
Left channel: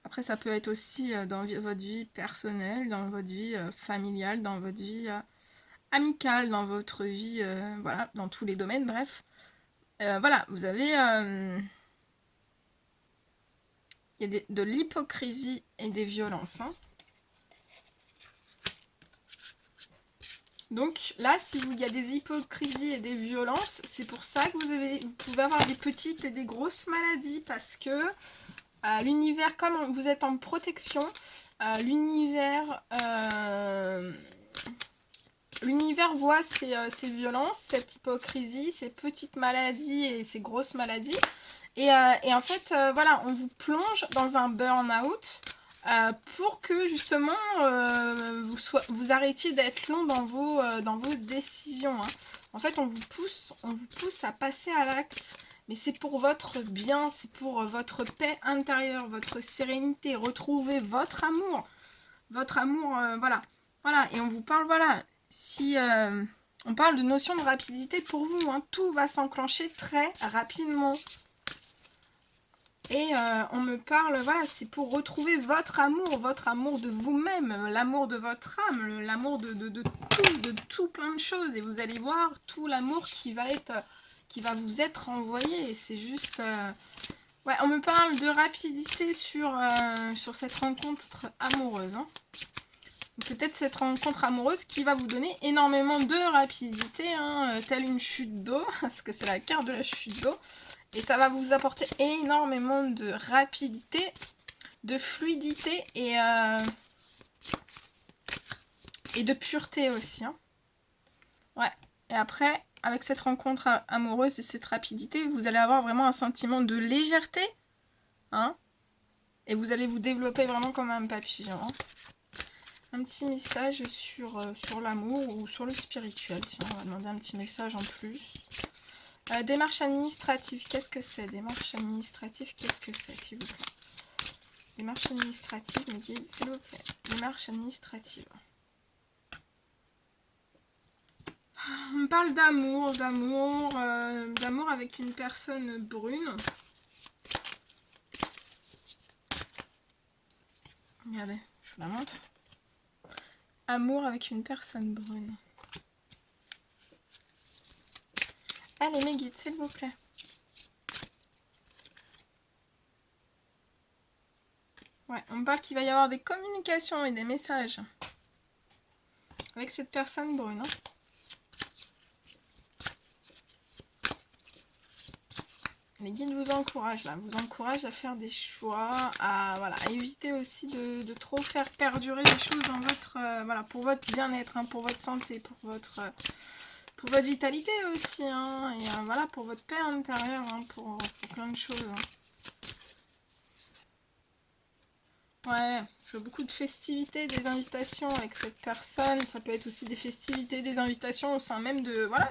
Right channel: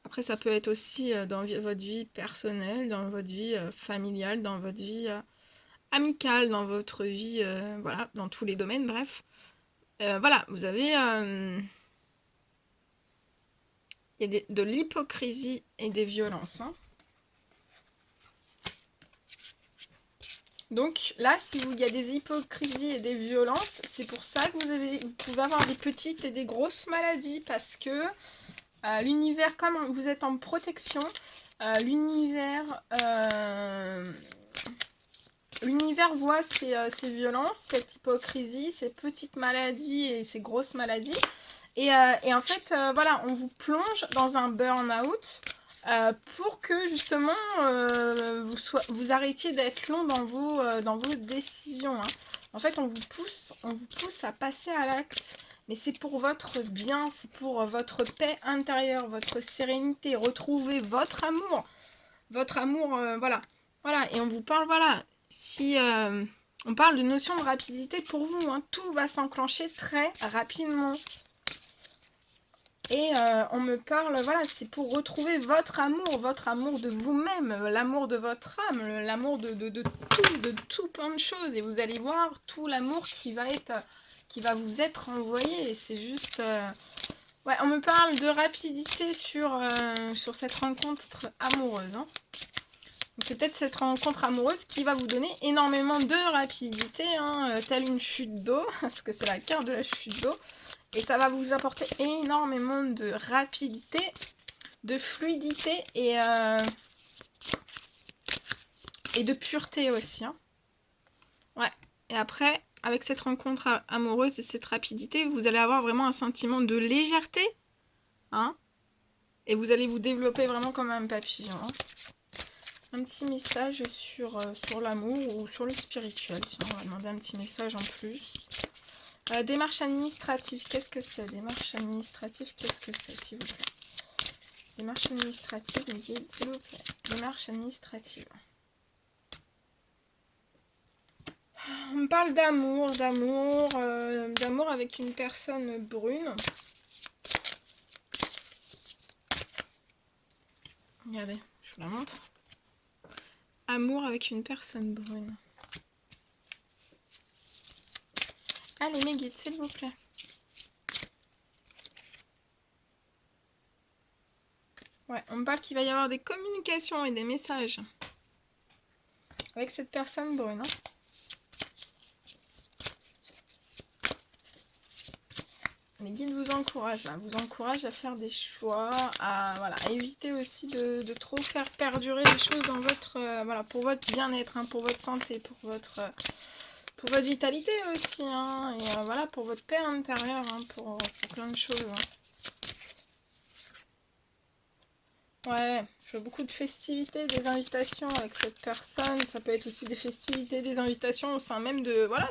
après ça peut être aussi dans votre vie personnelle, dans votre vie familiale, dans votre vie amicale, dans votre vie, voilà, dans tous les domaines, bref. Voilà, vous avez... il y a de l'hypocrisie et des violences, hein. Donc là, il y a des hypocrisies et des violences, c'est pour ça que vous pouvez avoir des petites et des grosses maladies, parce que l'univers, comme vous êtes en protection, l'univers voit ces violences, cette hypocrisie, ces petites maladies et ces grosses maladies. Et en fait, voilà, on vous plonge dans un burn-out pour que justement vous arrêtiez d'être long dans vos décisions, hein. En fait, on vous pousse à passer à l'acte. Mais c'est pour votre bien, c'est pour votre paix intérieure, votre sérénité, retrouver votre amour. Votre amour, voilà. Voilà, et on vous parle, voilà, on parle de notion de rapidité pour vous, hein. Tout va s'enclencher très rapidement. Et on me parle, voilà, c'est pour retrouver votre amour de vous-même, l'amour de votre âme, l'amour de tout plein de choses. Et vous allez voir tout l'amour qui va vous être envoyé. C'est juste... Ouais, on me parle de rapidité sur cette rencontre amoureuse, hein. C'est peut-être cette rencontre amoureuse qui va vous donner énormément de rapidité, hein, telle une chute d'eau, parce que c'est la carte de la chute d'eau. Et ça va vous apporter énormément de rapidité, de fluidité et de pureté aussi, hein. Ouais. Et après, avec cette rencontre amoureuse et cette rapidité, vous allez avoir vraiment un sentiment de légèreté, hein. Et vous allez vous développer vraiment comme un papillon, hein. Un petit message sur l'amour ou sur le spirituel. Tiens, on va demander un petit message en plus. Démarche administrative, qu'est-ce que c'est? Démarche administrative, qu'est-ce que c'est, s'il vous plaît? Démarche administrative, mes guides, s'il vous plaît. Démarche administrative. On me parle d'amour, d'amour avec une personne brune. Regardez, je vous la montre. Amour avec une personne brune. Allez, mes guides, s'il vous plaît. Ouais, on me parle qu'il va y avoir des communications et des messages avec cette personne brune. Hein. Les guides vous encouragent, là, vous encouragent à faire des choix, à, voilà, à éviter aussi de trop faire perdurer les choses dans votre, voilà, pour votre bien-être, hein, pour votre santé, pour votre vitalité aussi, hein, et voilà, pour votre paix intérieure, hein, pour plein de choses. Hein. Ouais, je vois beaucoup de festivités, des invitations avec cette personne. Ça peut être aussi des festivités, des invitations au sein même de, voilà,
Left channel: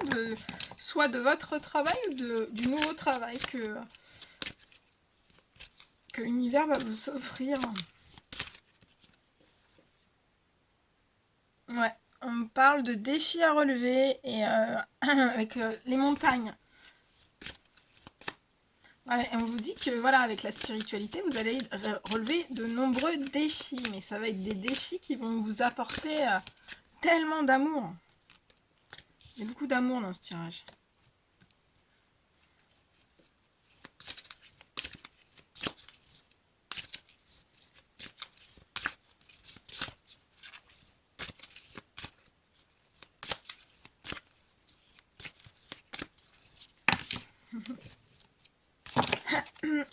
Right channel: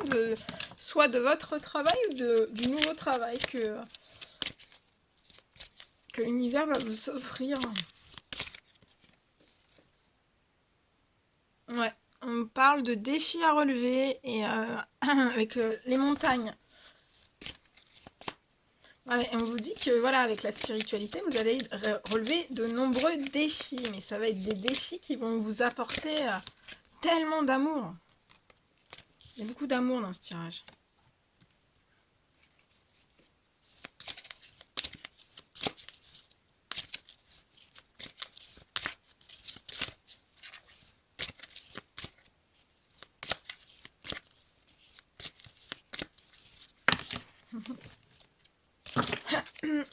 soit de votre travail ou du nouveau travail que l'univers va vous offrir. Ouais, on me parle de défis à relever et avec les montagnes. Voilà, et on vous dit que voilà, avec la spiritualité, vous allez relever de nombreux défis, mais ça va être des défis qui vont vous apporter tellement d'amour. Il y a beaucoup d'amour dans ce tirage.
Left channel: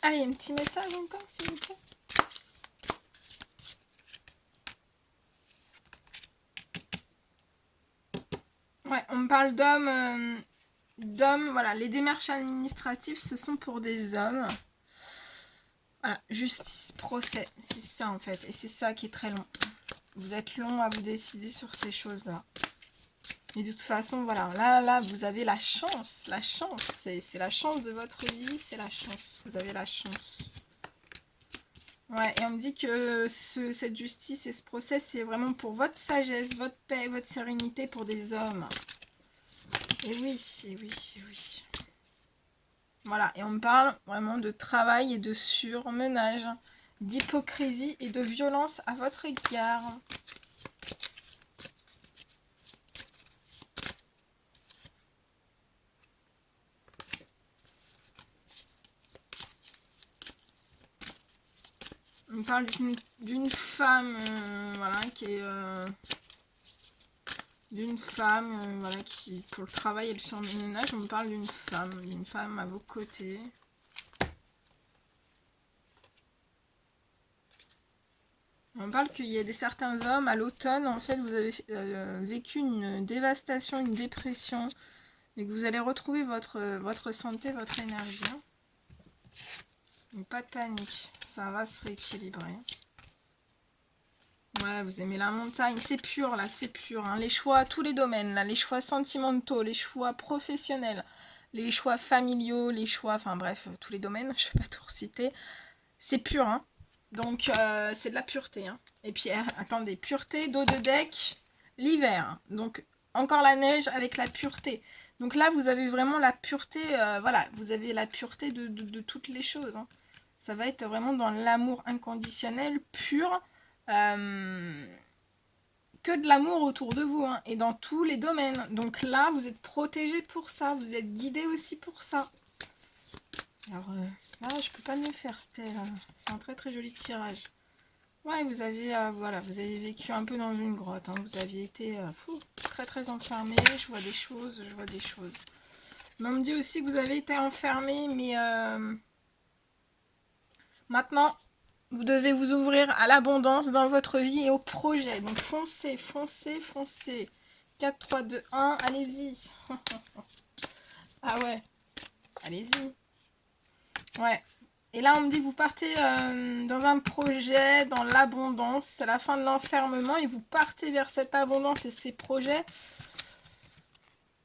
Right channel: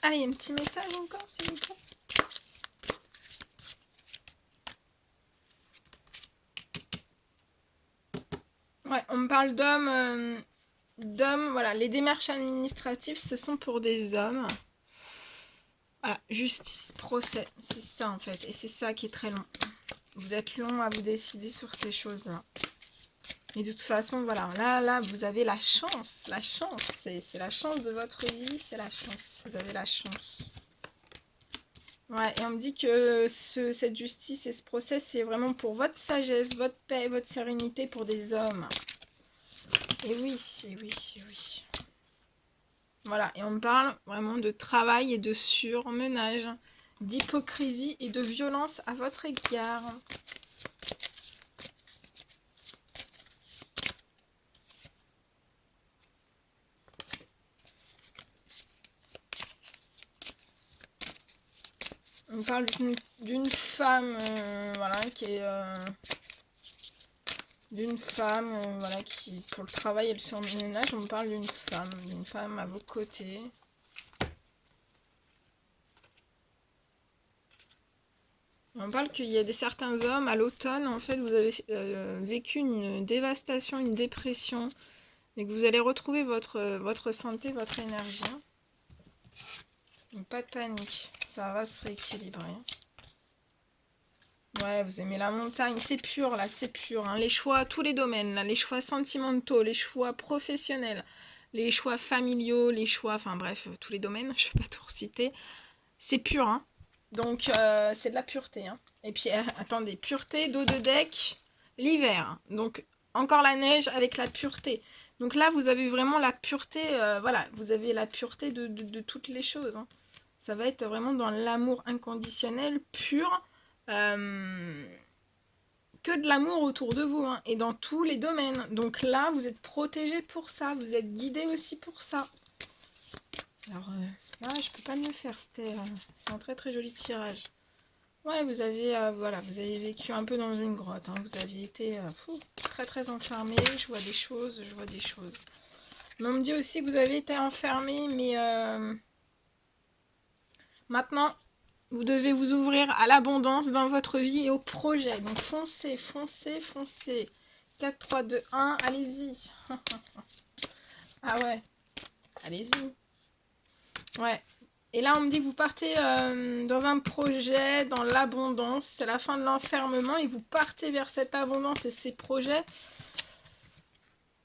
Allez, un petit message encore, s'il vous plaît. Ouais, on me parle d'hommes. Voilà, les démarches administratives, ce sont pour des hommes. Voilà, justice, procès, c'est ça en fait. Et c'est ça qui est très long. Vous êtes long à vous décider sur ces choses-là. Et de toute façon, voilà, là, vous avez la chance. La chance, c'est la chance de votre vie, c'est la chance. Vous avez la chance. Ouais, et on me dit que cette justice et ce procès, c'est vraiment pour votre sagesse, votre paix, votre sérénité pour des hommes. Et oui, et oui, et oui. Voilà, et on me parle vraiment de travail et de surmenage, d'hypocrisie et de violence à votre égard. On me parle d'une femme, voilà, qui est... d'une femme, voilà, qui, pour le travail et le surmenage, on me parle d'une femme à vos côtés. On parle qu'il y a certains hommes, à l'automne, en fait, vous avez vécu une dévastation, une dépression, et que vous allez retrouver votre santé, votre énergie. Donc, pas de panique, ça va se rééquilibrer. Ouais, vous aimez la montagne, c'est pur là, c'est pur. Hein. Les choix, tous les domaines, là, les choix sentimentaux, les choix professionnels, les choix familiaux, les choix, enfin bref, tous les domaines, je ne vais pas tout reciter. C'est pur, hein. Donc c'est de la pureté. Hein. Et puis attendez, pureté, dos de deck, l'hiver. Hein. Donc encore la neige avec la pureté. Donc là, vous avez vraiment la pureté, voilà, vous avez la pureté de toutes les choses. Hein. Ça va être vraiment dans l'amour inconditionnel, pur. Que de l'amour autour de vous hein, et dans tous les domaines. Donc là, vous êtes protégé pour ça, vous êtes guidé aussi pour ça. Alors là, je peux pas mieux faire. C'est un très très joli tirage. Ouais, vous avez voilà, vous avez vécu un peu dans une grotte. Hein, vous aviez été très très enfermé. Je vois des choses, je vois des choses. Mais on me dit aussi que vous avez été enfermé, mais maintenant. Vous devez vous ouvrir à l'abondance dans votre vie et au projet. Donc foncez, foncez, foncez. 4, 3, 2, 1, allez-y. Ah ouais, allez-y. Ouais. Et là, on me dit que vous partez dans un projet, dans l'abondance. C'est la fin de l'enfermement et vous partez vers cette abondance et ces projets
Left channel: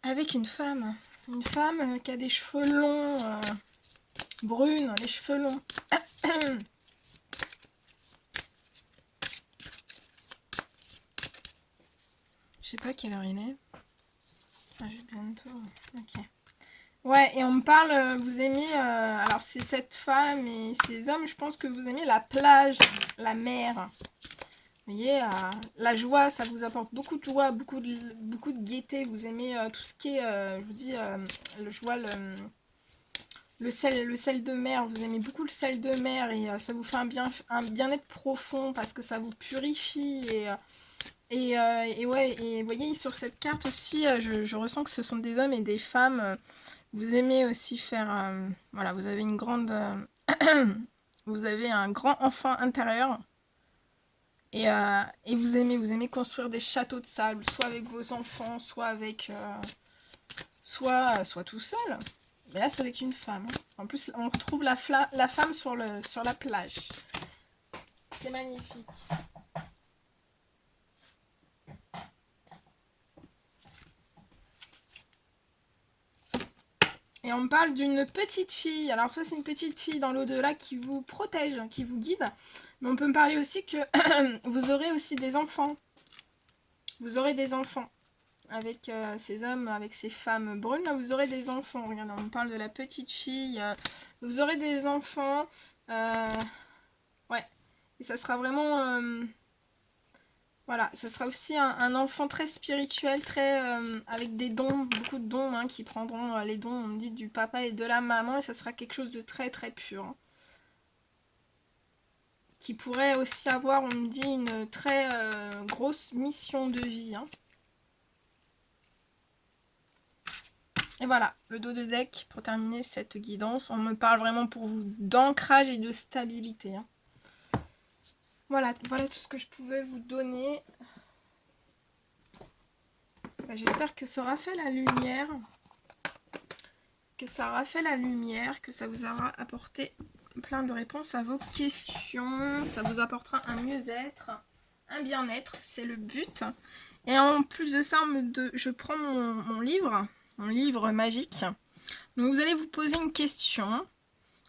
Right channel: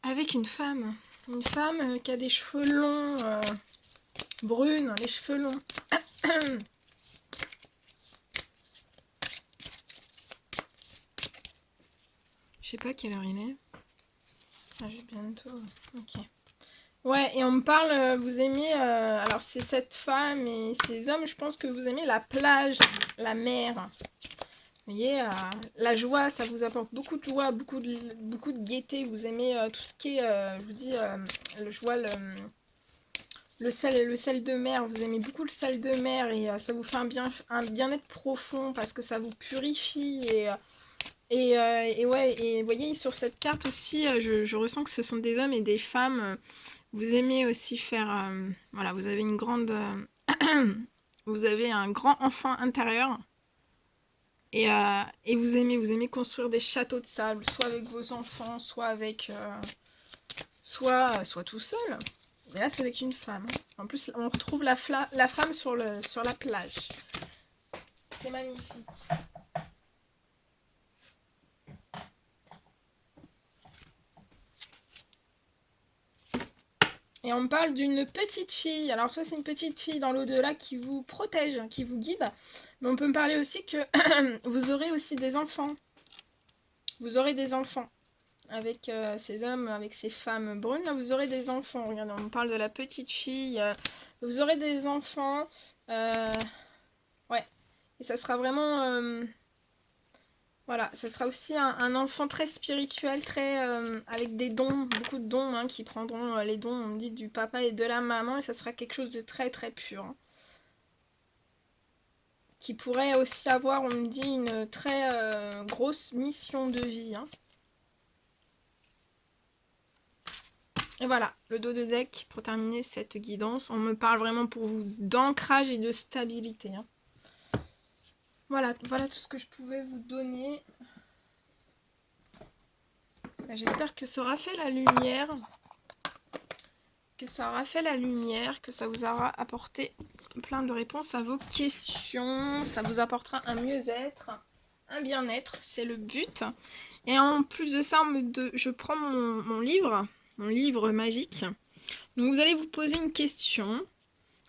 avec une femme. Une femme qui a des cheveux longs, brunes, les cheveux longs. Je sais pas quelle heure il est. Ah, j'ai bientôt. Ok. Ouais, et on me parle, vous aimez, alors c'est cette femme et ces hommes, je pense que vous aimez la plage, la mer. Vous voyez, la joie, ça vous apporte beaucoup de joie, beaucoup de gaieté. Vous aimez tout ce qui est, je vous dis, je vois le sel de mer. Vous aimez beaucoup le sel de mer et ça vous fait un bien-être profond parce que ça vous purifie et ouais, et vous voyez, sur cette carte aussi, je ressens que ce sont des hommes et des femmes. Vous aimez aussi faire, voilà, vous avez une grande, vous avez un grand enfant intérieur. Et vous aimez construire des châteaux de sable, soit avec vos enfants, soit avec, soit tout seul. Mais là, c'est avec une femme. En plus, on retrouve la femme sur la plage. C'est magnifique. Et on me parle d'une petite fille. Alors, soit c'est une petite fille dans l'au-delà qui vous protège, qui vous guide. Mais on peut me parler aussi que vous aurez aussi des enfants. Vous aurez des enfants. Avec ces hommes, avec ces femmes brunes, là, vous aurez des enfants. Regardez, on me parle de la petite fille. Vous aurez des enfants. Ouais. Et ça sera vraiment... voilà, ça sera aussi un enfant très spirituel, très avec des dons, beaucoup de dons, hein, qui prendront les dons, on me dit, du papa et de la maman. Et ça sera quelque chose de très très pur. Hein. Qui pourrait aussi avoir, on me dit, une très grosse mission de vie. Hein. Et voilà, le dos de deck pour terminer cette guidance. On me parle vraiment pour vous d'ancrage et de stabilité. Hein. Voilà tout ce que je pouvais vous donner. J'espère que ça aura fait la lumière. Que ça vous aura apporté plein de réponses à vos questions. Ça vous apportera un mieux-être, un bien-être, c'est le but. Et en plus de ça, je prends mon livre magique. Donc vous allez vous poser une question.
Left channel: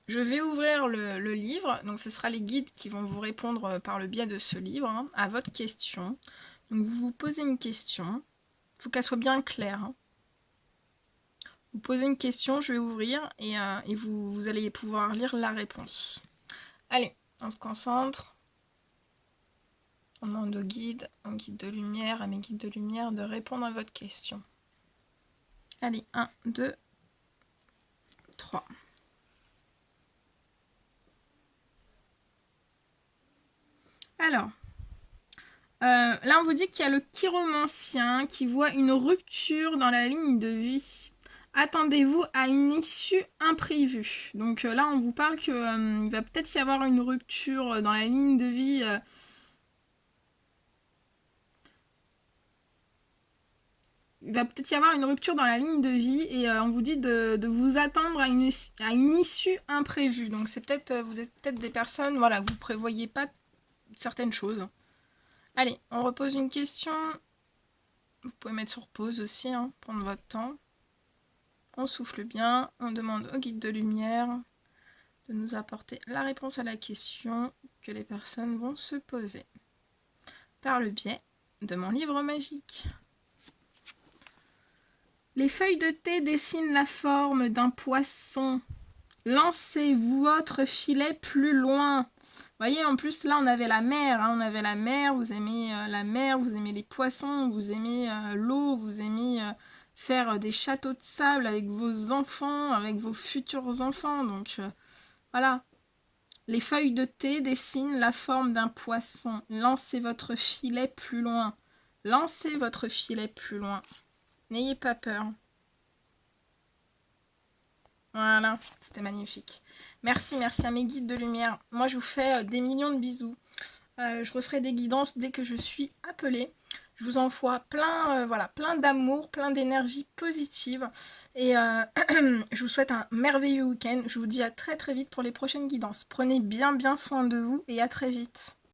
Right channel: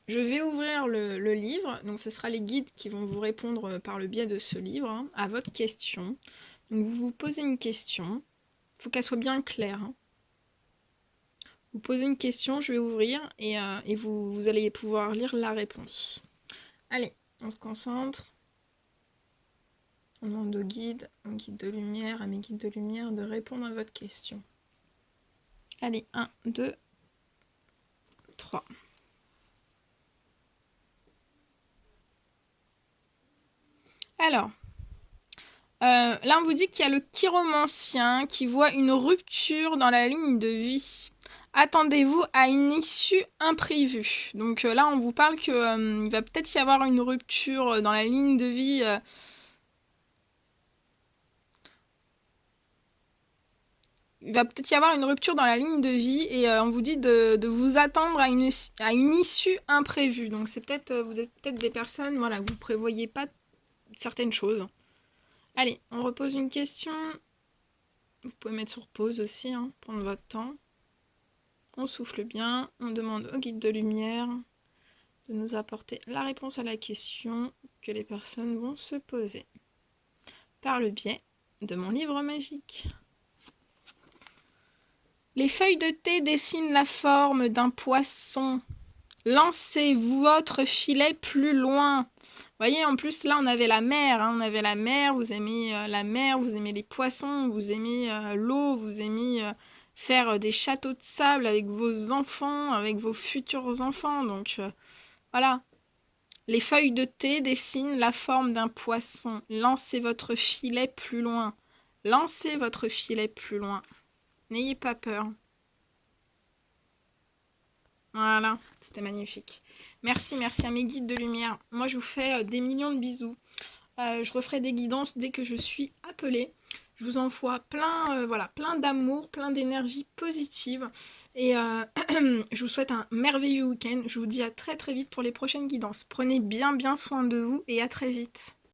Je vais ouvrir le livre. Donc ce sera les guides qui vont vous répondre par le biais de ce livre hein, à votre question. Donc vous vous posez une question. Il faut qu'elle soit bien claire. Hein. Vous posez une question, je vais ouvrir et vous allez pouvoir lire la réponse. Allez, on se concentre. On demande au guide de lumière, à mes guides de lumière de répondre à votre question. Allez, 1, 2, 3. Alors, là on vous dit qu'il y a le chiromancien qui voit une rupture dans la ligne de vie. Attendez-vous à une issue imprévue. Donc là on vous parle qu'il va peut-être y avoir une rupture dans la ligne de vie. Il va peut-être y avoir une rupture dans la ligne de vie et on vous dit de vous attendre à une issue imprévue. Donc c'est peut-être, vous êtes peut-être des personnes, voilà, vous ne prévoyez pas certaines choses. Allez, on repose une question. Vous pouvez mettre sur pause aussi, hein, prendre votre temps. On souffle bien, on demande au guide de lumière de nous apporter la réponse à la question que les personnes vont se poser. Par le biais de mon livre magique. Les feuilles de thé dessinent la forme d'un poisson. Lancez votre filet plus loin. Vous voyez, en plus, là, on avait la mer. Hein, on avait la mer, vous aimez la mer, vous aimez les poissons, vous aimez l'eau, vous aimez faire des châteaux de sable avec vos enfants, avec vos futurs enfants. Donc, voilà. Les feuilles de thé dessinent la forme d'un poisson. Lancez votre filet plus loin. Lancez votre filet plus loin. N'ayez pas peur. Voilà, c'était magnifique. Merci à mes guides de lumière. Moi, je vous fais des millions de bisous. Je referai des guidances dès que je suis appelée. Je vous envoie plein, plein d'amour, plein d'énergie positive. Et je vous souhaite un merveilleux week-end. Je vous dis à très très vite pour les prochaines guidances. Prenez bien soin de vous et à très vite.